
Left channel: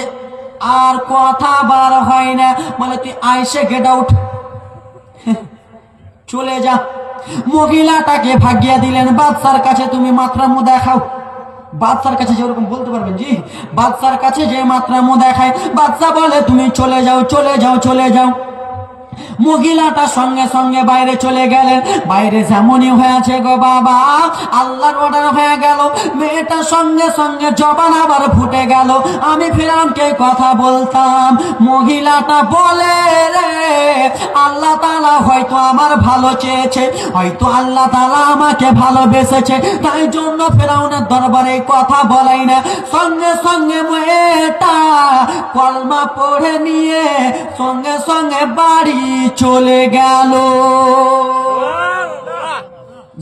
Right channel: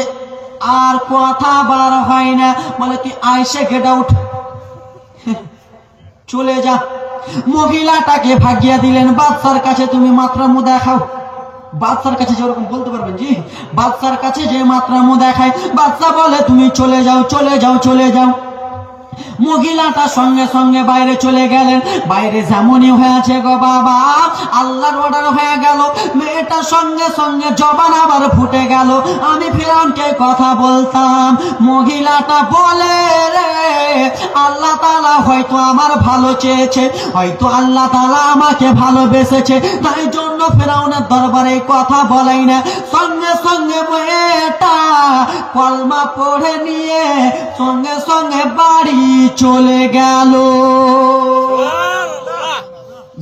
আর কথা বার হয় না, বলে তুই আইসে গেট আউট, চলে যা। মহিলাটাকে ভাগিয়ে দিলেন বাদশার কাছে, তুমি মাত্রামো দেখাও। বাদশার কাছে যেরকম বলতে পারবেন জি, বাদশার কাছে যে মাত্রামো দেখায়, বাদশা বলে তুমি চলে যাও চলে যাও চলে যাও। মহিলাটা সঙ্গে সঙ্গে বাইরে চলে গেলেন। বাইরে যেমনই হয়েছে গো বাবা, আল্লাহর অর্ডার হয়ে গেল। মেয়েটা সঙ্গে সঙ্গে জবান আবার ফুটে গেল, আমি ফেরাউনকে কথা বলতাম। মহিলাটা বলে রে আল্লাহ তাআলা হয়তো আমার ভালো চেয়েছে, হয়তো আল্লাহ তাআলা আমাকে ভালোবেসেছে, তাই জন্য ফেরাউনের দরবারে কথা বলাই না। সঙ্গে সঙ্গে মেয়েটা কলমা পড়ে নিয়ে সঙ্গে সঙ্গে বাড়ি চলে গেল।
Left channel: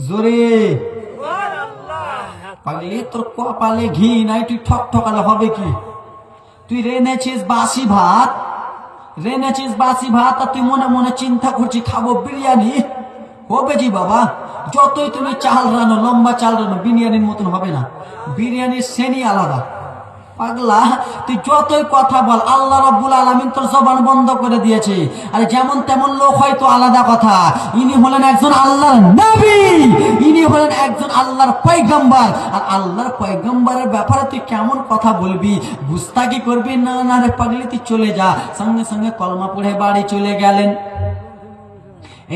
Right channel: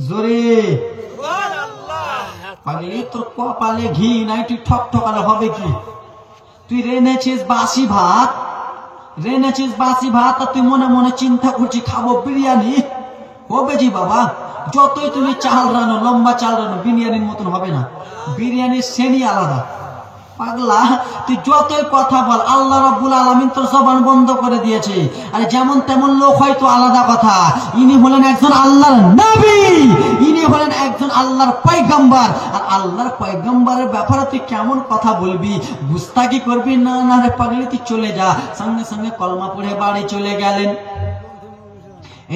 জোরে পাগলি, তোর কপালে ঘি নাই, তুই ঠক ঠকালে হবে কি? তুই রেনেছিস বাসি ভাত, রেনেছিস বাসি ভাত, আর তুই মনে মনে চিন্তা করছিস খাবো বিরিয়ানি। হবে জি বাবা, যতই তুমি চাল রানো, লম্বা চাল রানো, বিরিয়ানির মতন হবে না। বিরিয়ানির শ্রেণী আলাদা। পাগলা, তুই যতই কথা বল, আল্লাহ রাব্বুল আলামিন তোর জবান বন্ধ করে দিয়েছে। আর যেমন তেমন লোক হয়তো আলাদা কথা, ইনি হলেন একজন আল্লাহর নবী, ইনি হলেন একজন আল্লাহর পয়গম্বর। আর আল্লাহর পয়গম্বরের ব্যাপারে তুই কেমন কথা বলবি, গুস্তাখি করবি? না না রে পাগলি, তুই চলে যা। সঙ্গে সঙ্গে কলমা পড়ে বাড়ি চলে গেলেন।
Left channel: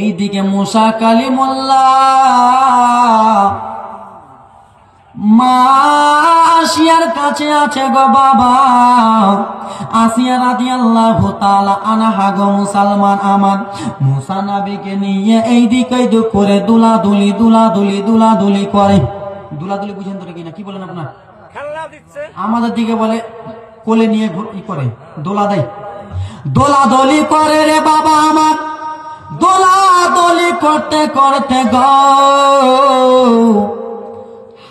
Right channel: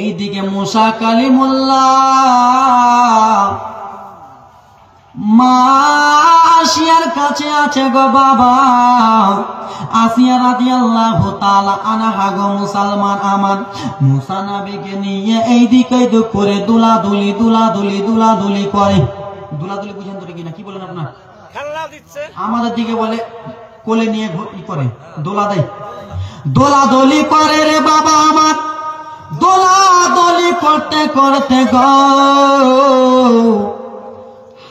এইদিকে মুসা কালিমুল্লাহ মা আসিয়ার কাছে আছে গো বাবা, আসিয়া রাদিয়াল্লাহু তাআলা আনহা গো মুসলমান আমান মুসা নবীকে নিয়ে এইদিকে ওইদিক করে দুলাদুলি করে। দুলাদুলি বুঝেন তো কি না, কি বলেন আপনার? খেলনা দিচ্ছে। আমাদের দিকে বলে কোলে নিয়ে ই করে, দোলা দেয়। দোলাদলি করে রে বাবা আমার, দোলাদলি করতে করতে গো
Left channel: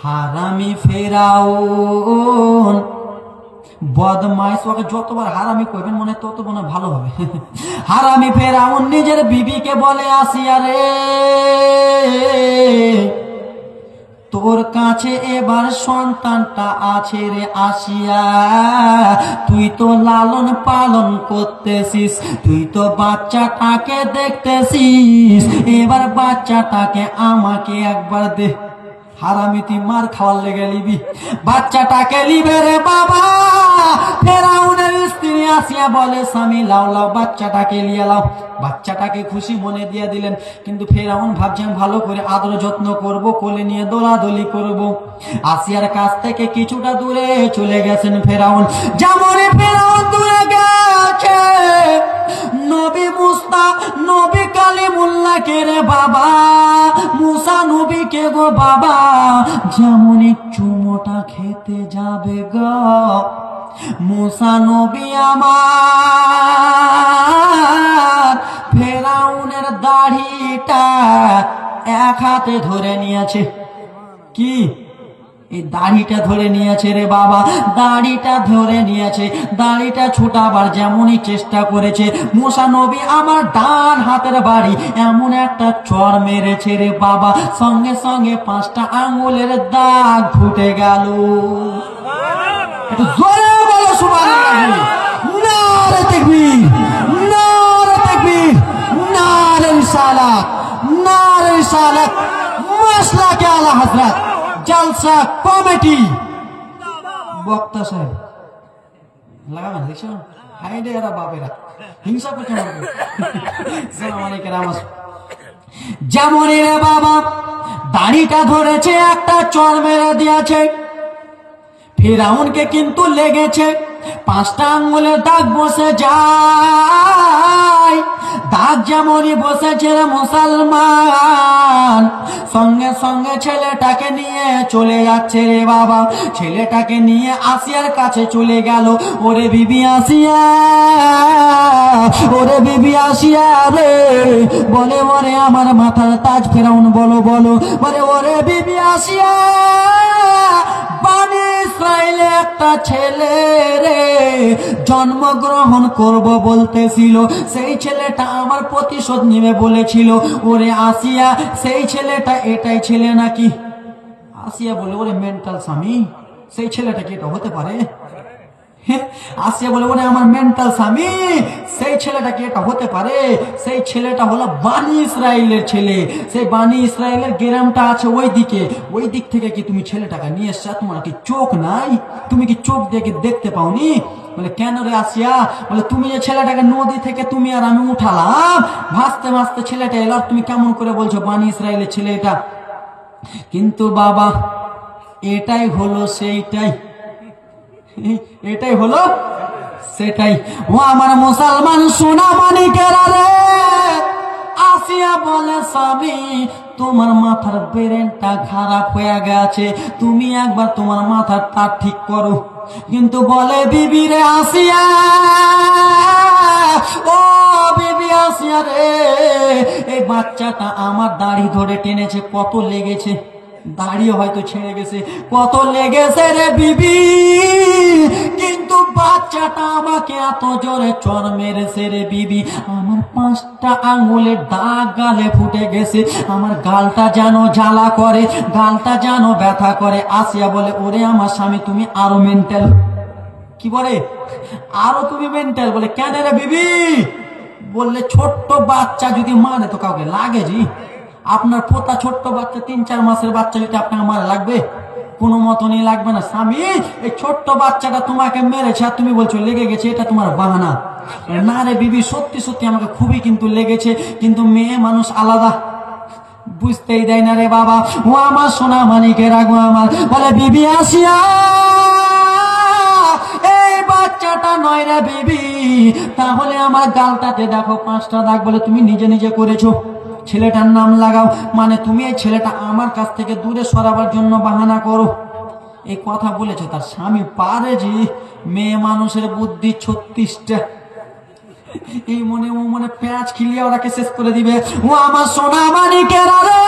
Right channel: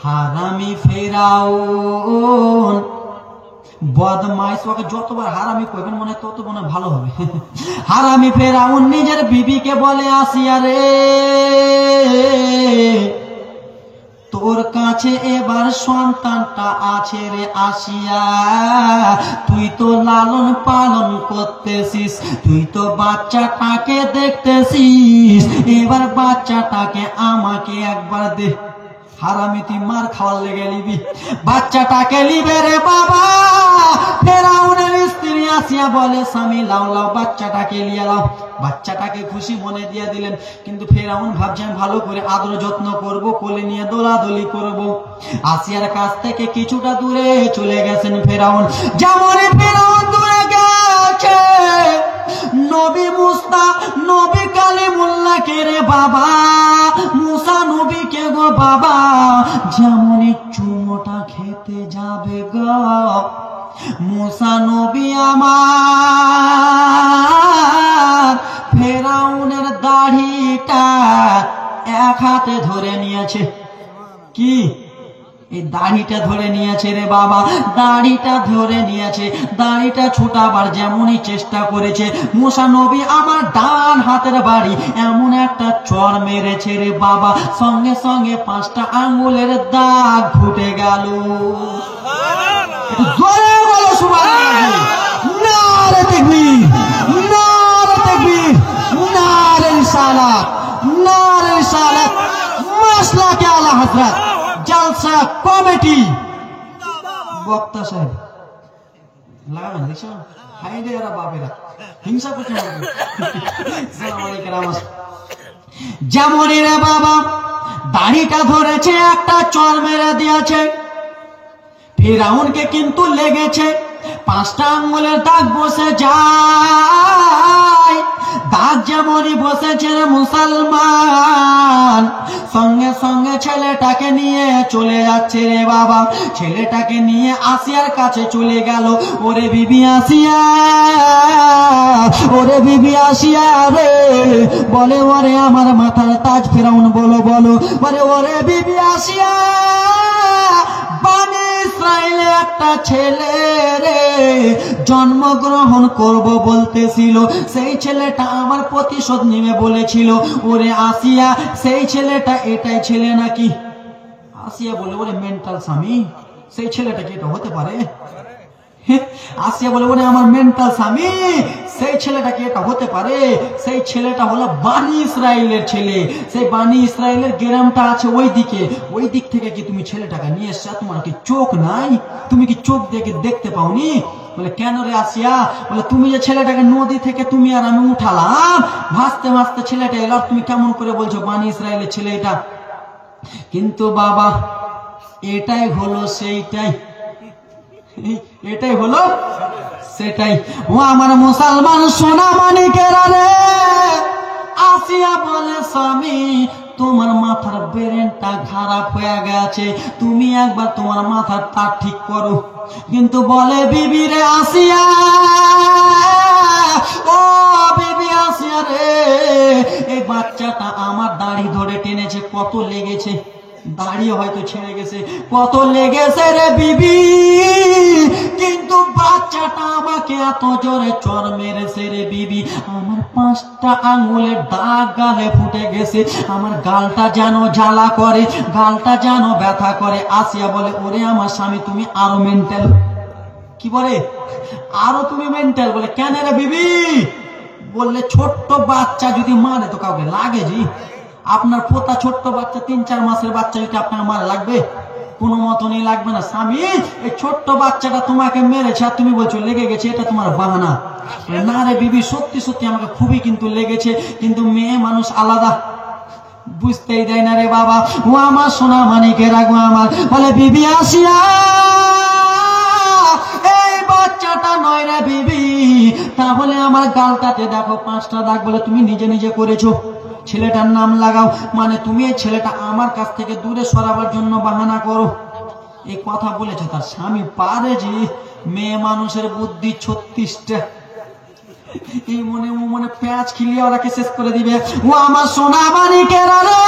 হারামি ফেরাউন বদমাইশ, ওকে যতবার হারামি করবেন মনে তত মনে ভালো হবে। হারামি ফেরাউন নিজের বিবিকে বলে, আসিয়া রে তোর কাছে এবার সন্তানটা আছে রে আসিয়া, তুই তো লালন পালন করতেছিস, তুই তো বাচ্চাটাকে দেখতেছিস, এবার বাচ্চাটাকে আমাকে একবার দে। হারামি তুই মার খাওয়ার লেগে নিবি, বাচ্চাটাকে নিবে রে বাবা। ফেরাউনের স্ত্রী আসিয়া বলে, স্বামী লাও লাও বাচ্চাটাকে লিয়ে লাও। বাচ্চাটাকে খুশি মনে দিয়ে দিলেন, কিন্তু ফেরাউন ভাবছেন ভালো করে আদর যত্ন করব, কোলে নিয়ে দোলাদলি করব। আসিয়ার কাছ থেকে কিছুটা দূরে চলে গেছেন ফেরাউন। যেমনই ফেরাউন দূরে গেছে, নবী মুসা নবী কালিমুল্লাহকে রে বাবা, মুসা নবীকে গো বাবা, যেমনই চুমোটা খেতে যাবে গো মুসা নবী আমার ফেরাউনের দাড়িটা এক হাতে ধরে নিয়েছে। কি এই দাড়িটা ধরে নিয়েছে রে বাবা, দাড়িটা ধরে নিয়েছে। দাড়িটা ছোটাবার যেমনই চেষ্টা করেছে, মুসা নবী আমার ডান হাতের বাড়ি এমন একটা চড় মেরেছে রে বাবা, সঙ্গে সঙ্গে 5টা আঙ্গুলের দাগ ফুটে গেল। জলসা কমিটি বক্তা সাহেব লাগাবেন, দেখছো হাইডে এরা বাপেরা হিংসা করতে পারবে। যেমন রে বাবা দাড়িটা ধরেছে, একটা চর মেরে দিয়েছে। ফেরাউনকে কিন্তু লেগেছে 5টা আঙ্গুলের দাগ বসে যায়। দাগ যেমনই বসেছে মুসলমান, সঙ্গে সঙ্গে ছেলেটাকে নিয়ে চলে যাচ্ছে রে বাবা। ছেলেটাকে নিয়ে আসিয়ার কাছে চলে গেল। ওরে বিবি আসিয়া, ওরে বিবি আসিয়া রে, বলে ওরে আমার মাথার তাজ। ফেরাউন বলো বলো, বলে ওরে বিবি আসিয়া, ইসরায়েলে একটা ছেলে রে জন্মগ্রহণ করব বলতেছিল, সেই ছেলেটা আমার প্রতিশোধ নেবে বলেছিল। ওরে আসিয়া সেই ছেলেটা এটাই ছেলে নাকি? আসিয়া বলে, ওরে মেন্টাল স্বামী, সেই ছেলেটা কি এটা হতে পারে? আসিয়া বলে, ওরে আমার মেন্টাল স্বামী, সেই ছেলেটা কি এটা হতে পারে? সেই ছেলেটা হলো বানি ইসরায়েলের ছেলে। সেই বানি ইসরায়েলের গ্রামটা আছে ওই দিকে, ওই দিক থেকে কি তুমি ছেলেটাকে নিয়ে এসছো? তোমার কি চোখ নাই? তুমি কি চোখ দেখে দেখতে পাওনি? বলে কেন রে আসিয়া? বলে তুমি যে ছেলেটাকে নদী থেকে তুমি আর আমি উঠালাম, ভাসতে ভাসতে ছেলেটা এলো, তুমি কেমন করে বলছো বানি ইসরায়েলের ছেলে এটা? কিন্তু বাবা এটাই হলো সেইটাই, এটাই হলো সেটাই। ও আমার মুসলমান সোনা মানিকেরা রে, আসিয়া বলে স্বামী তোমার মাথার ব্রেনটা খারাপ হয়ে গেছে, তুমি একবার তোমার মাথার তার ঠিক করো। কিন্তু বলে বিবি রে আসিয়া, ও বিবি আসিয়া রে, এই বাচ্চাটা আমার দাড়ি ধরে টেনেছে, কত লেগেছে, দাড়িও হয়তো ছেড়ে গেছে, কত লেগেছে রে বিবি, কিন্তু বাচ্চাটা আমাকে এত জোরে চর মেরেছে রে বিবি, আমার 5টা আঙ্গুলের দাগ গালে ফুটে গেছে, আমার গালটা যেন জ্বালা করে, গালটা যেন ব্যথা করে। আসিয়া বলে, ওরে আমার স্বামী তুমি আরো মেন্টাল। কি বলে? আরো তুমি মেন্টাল। বলে কেন রে বিবি? বললে ছোট্ট বাচ্চা যদি মারে তো কাউকে লাগে জি? আপনার পোতা ছোট্ট বাচ্চা 3-4 মাসের বাচ্চা যদি আপনার মারে লাগবে? কোনো মতনই লাগবে না। স্বামী এই ছোট্ট বাচ্চাটা তোমাকে মেরেছে আর তুমি বলছো লেগে গেছে, এটা তোমার বাহানা। না রে বিবি, সত্যি সত্যি আমাকে খুবই কিন্তু লেগেছে, কিন্তু মেয়ে মানুষ আলাদা, বুঝতেই দেয় না রে বাবা। ও আমার সোনা মানিকে রাখবো আমার। বলে বিবি আসিয়া, এই বাচ্চাটা নয় রে বিবি, তাহলে আমার গালটাতে দেখো 5টা দাগ, বলে তুমি নিজে নিজে করেছো, ছেলেটার নাম লাগাও, মানে তুমি এই ছেলেটা আমার কাছ থেকে দূরে সরাবার জন্য বাহানা করো। এই কথা বলেছে তার স্বামী। পারে যে মেয়ে মানুষের বুদ্ধি 36টা, এই মনে ও মনে প্যাঁচ খিলিয়ে ওরাকে শেষ করে দিবে। ও আমার সোনা মানিকেরা রে,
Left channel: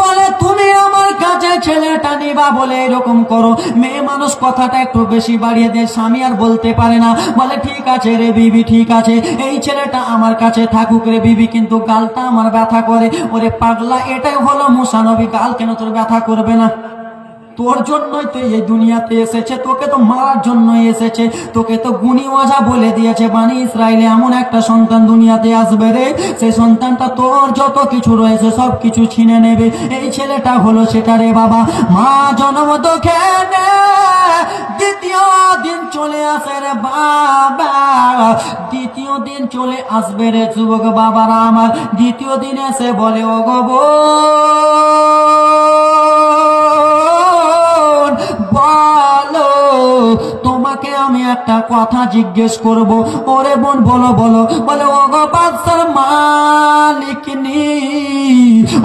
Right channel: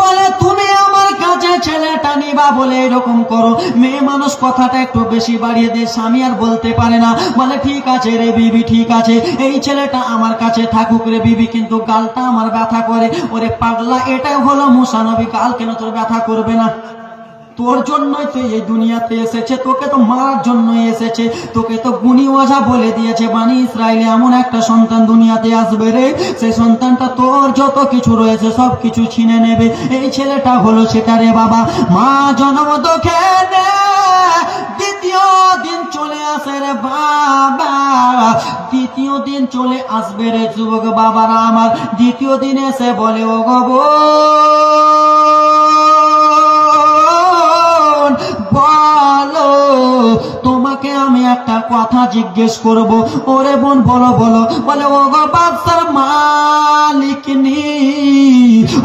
বলে তুমি আমার কাছে ছেলেটা নিবা বলে এরকম করো। মেয়ে মানুষ কথাটা একটু বেশি বাড়িয়ে দেয়, স্বামী আর বলতে পারে না, বলে ঠিক আছে রে বিবি, ঠিক আছে, এই ছেলেটা আমার কাছে থাকুক রে বিবি, কিন্তু গালটা আমার ব্যথা করে। ওরে পাগলা, এটা হলো মুসা নবী, গাল কেন তোর ব্যথা করবে না? তোর জন্যই তো এই দুনিয়াতে এসেছে, তোকে তো মারার জন্যই এসেছে, তোকে তো গুণী ওঝা বলে দিয়েছে বানি ইসরায়েলে এমন একটা সন্তান দুনিয়াতে আসবে রে, সেই সন্তানটা তোর যত কিছু রয়েছে সব কিছু ছিনে নেবে। এই ছেলেটা হলো সেটা রে বাবা। মা জন্ম দুঃখে দ্বিতীয় দিন চলে আসে রে বাবা, দ্বিতীয় দিন চলে আসবে রে যুবক বাবারা আমার। দ্বিতীয় দিন এসে বলে, ও গো বলো, তোমাকে আমি একটা কথা জিজ্ঞেস করব। ওরে বোন বলো বলো, বলে ও গো বাদশার মালিকনি,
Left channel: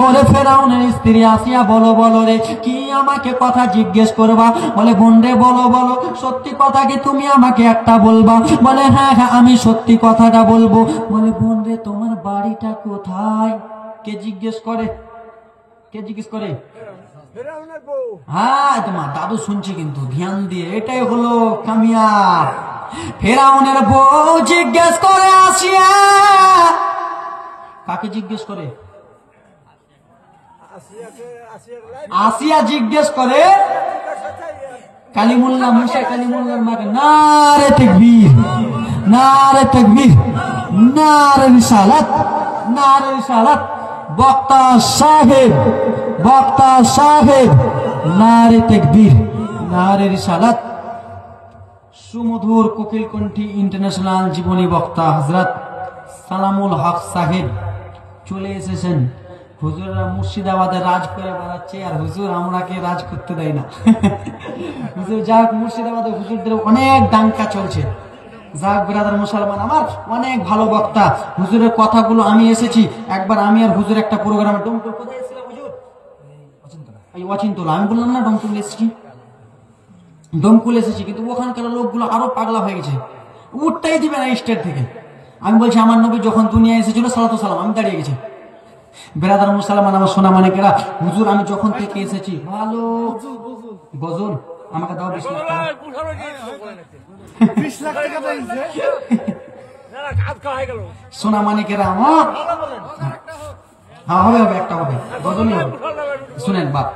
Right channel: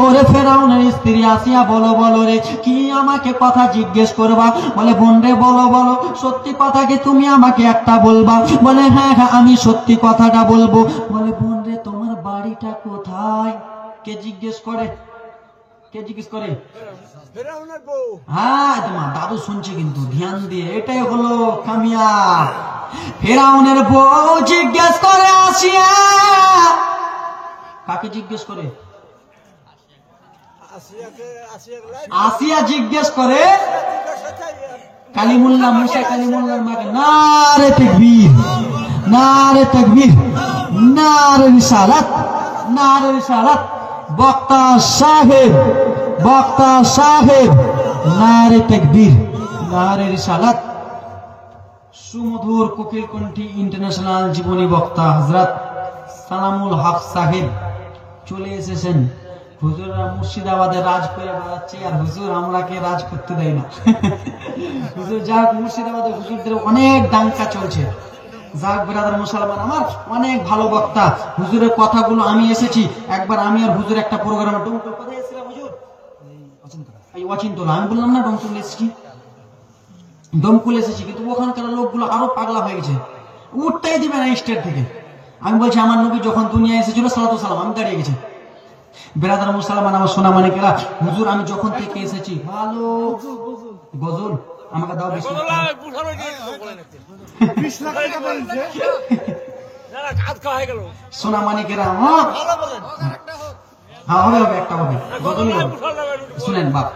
ওরে ফেরাউনের স্ত্রী আসিয়া বলো বলো রে, কি আমাকে কথা জিজ্ঞেস করবা? বলে বোন রে বলো বলো, সত্যি কথা কি তুমি আমাকে একটা বলবা? বলে হ্যাঁ হ্যাঁ আমি সত্যি কথাটা বলবো। বলে বোন রে তোমার বাড়িটা কোথায়? কে জিজ্ঞেস করে? কে জিজ্ঞেস করে? হ্যাঁ তোমার দাদু শুনছে কিন্তু ধ্যান দিয়ে, এটাই হলো কামিয়াব। ফেরাউনের বউ জিজ্ঞেস করে আসিয়া, কাকে জিজ্ঞেস করে? আসিয়া জিজ্ঞেস করে কালিমুল্লাহ, মুসা কালিমুল্লাহর মাকে। নারে তাকবীর, নারে তাকবীর, নারে রিসালাত, নারে রিসালাত। বক্তা সাহেব, বক্তা সাহেব, নারে তাকবীর, নারে রিসালাত। সুমধুর কোকিল কণ্ঠী ইন্টারন্যাশনাল জীবনী বক্তা হযরত সালামুল হক সাহেব চলে এসেছেন। হুজুররা মুর্শিদাবাদে রাজ করে বেড়াচ্ছে, আর হুজুর আমরাকে রাজ করতে দেয় না। হুজুর যাক, মুর্শিদাবাদে হুজুরদের অনেক ডাঙ্কা চলছে। যাক ব্রাদার মুসলমান আমার, অনেক ভালো বক্তা। হুজুরের কথাগুলো আমি এসেছি একবার, আমি আর হুজুর একটা প্রোগ্রামে। ডোমকল কোথায় এসেছিলাম হুজুর? এই অচিন্তলা। আমি বললাম না ডোমকল এসেছি, ডোমকল এসেছি, কিন্তু ওখানকার লোকগুলো আরো পাগলা হয়ে গেছে, উঠতেই দিবে না স্টেট থেকে। আমি বলছি আমার নবী যখন দুনিয়া এসেছিল সালাতু সালাম, আমি দাঁড়িয়ে গেছি। বেরাদার মুসলমান আমার সোনা মানিকেরা, হুজুর আমি যখন থেকে এসেছি ভালো গজল আমাকে দাও 20 লাখ টাকা। 20 লাখ টাকা দিয়েছে সোনা মানিকেরা আমার। হ্যাঁ হবে হবে, একটা হবে গজলই হবে। শুনেন বাপ,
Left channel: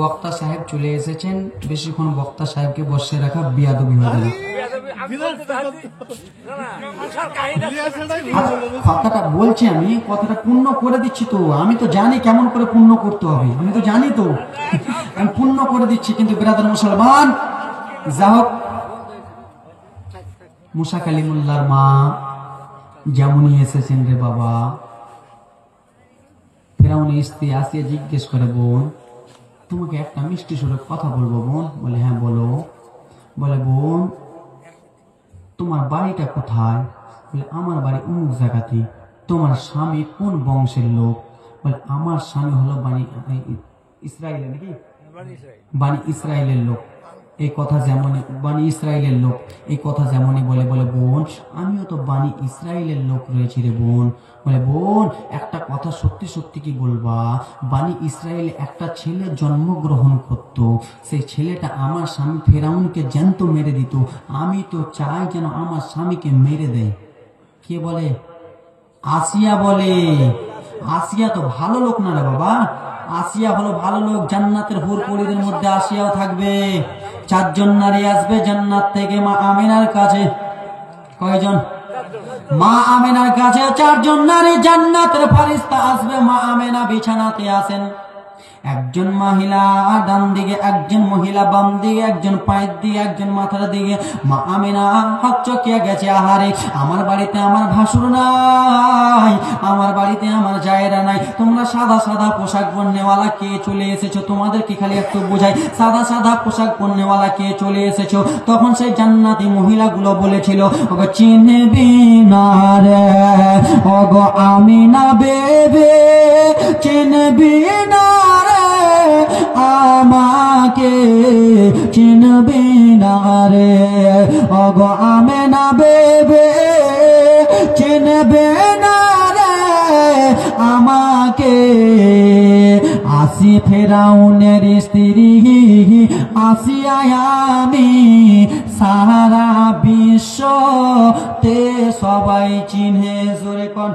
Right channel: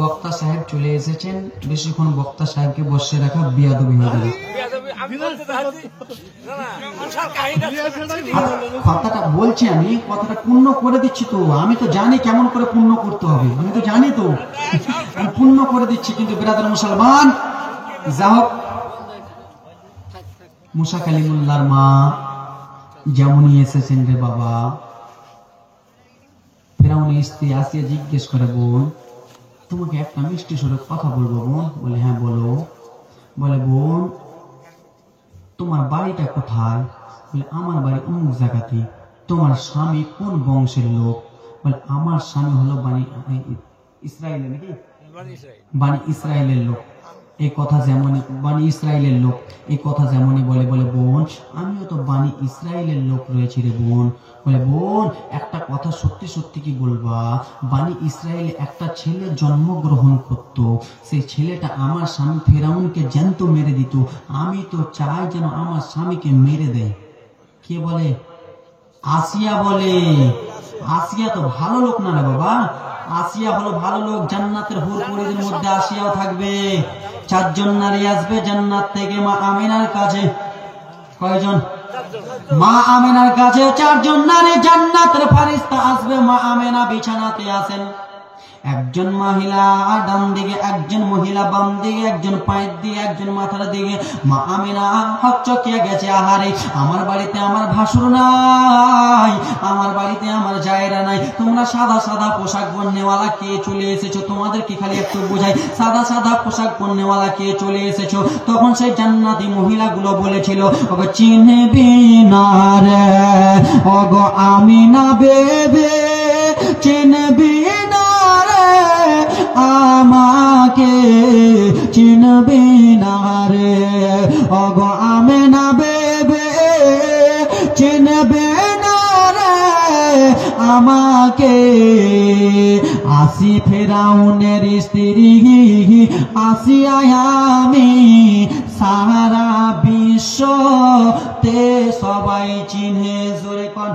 বক্তা সাহেব চলে এসেছেন, বেশিক্ষণ বক্তা সাহেবকে বসে রাখা বিয়াদবি হয়ে গেল। কথাটা বলছি আমি, কথাটা পূর্ণ করে দিচ্ছি তো, আমি তো জানি কেমন করে পূর্ণ করতে হবে, আমি তো জানি তো, আমি পূর্ণ করে দিচ্ছি। কিন্তু বেরাদার মুসলমান, যা হোক, মুসা কালিমুল্লাহর মা যেমনই এসেছেন রে বাবা, ফেরাউনের স্ত্রী আসিয়া জিজ্ঞেস করে, বোন তোমাকে একটা মিষ্টি সুরে কথা বলবো বোন? বলে হ্যাঁ বলো। বলে বোন তোমার বাড়িটা কোথায়? বলে আমার বাড়ি অমুক জায়গাতে। তোমার স্বামী কোন বংশের লোক? বলে আমার স্বামী হলো বানি ইসরায়েলের, নাকি বানি ইসরায়েলের লোক। এই কথা যেমন বানি ইসরায়েলের লোক, এই কথা যেমনই বলে। বলে বোন আমিও তো বানি ইসরায়েলের লোক রয়েছি রে বোন। বলে বোন একটা কথা সত্যি সত্যি কি বলবা? বানি ইসরায়েলে একটা ছেলে জন্মগ্রহণ করত, সেই ছেলেটা আমার স্বামী ফেরাউনকে জ্যান্ত মেরে দিত। আমি তো চাই যেন আমার স্বামীকে মেরে দেয়। কে বলে? আসিয়া বলে। আসিয়া তো ভালো লোক না রে বাবা, আসিয়া হলো ভালো লোক। জান্নাতের হুর পরিদের মধ্যে আসিয়াও থাকবে। 4 জন নারী আসবে জান্নাত থেকে মা আমিনার কাছে। কয়জন? মা আমিনার কাছে 4 জন নারী। জান্নাতের ফেরেশতা আসবে, মা আমিনা বিছানাতে আছেন। একজন মহিলা ডান দিকে, একজন মহিলা বাম দিকে, একজন পায়ের দিকে, একজন মাথার দিকে। মা আমিনা হকচকিয়ে গেছে, আহারে আমার বাড়িতে আমার ভাসুর নাই, আমার বাড়িতে আমার জায়েরা নাই, তোমরা সাদা সাদা পোশাক পরনেওয়ালা কে চলে এসেছো, তোমাদেরকে খালি একটু বোঝাই, সাদা সাদা পোশাক পরনেওয়ালা কে চলে এসেছো। তখন সেই জান্নাতি মহিলাগুলো বলেছিল, ওগো চিনবি না রে, ওগো আমিনা বেবে চিনবি না রে, আমাকে চিনবি না রে, ওগো আমিনা বেবে চিনবে না রে আমাকে। আসি ফেরাউনের স্ত্রী আসিয়া আমি, সারা বিশ্বতে সবাই চিনে। জোরে কোন?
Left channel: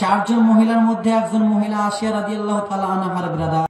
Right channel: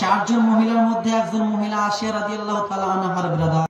চারজন মহিলার মধ্যে একজন মহিলা আসিয়া রাদিয়াল্লাহু তাআলা আনহার ব্রাদার।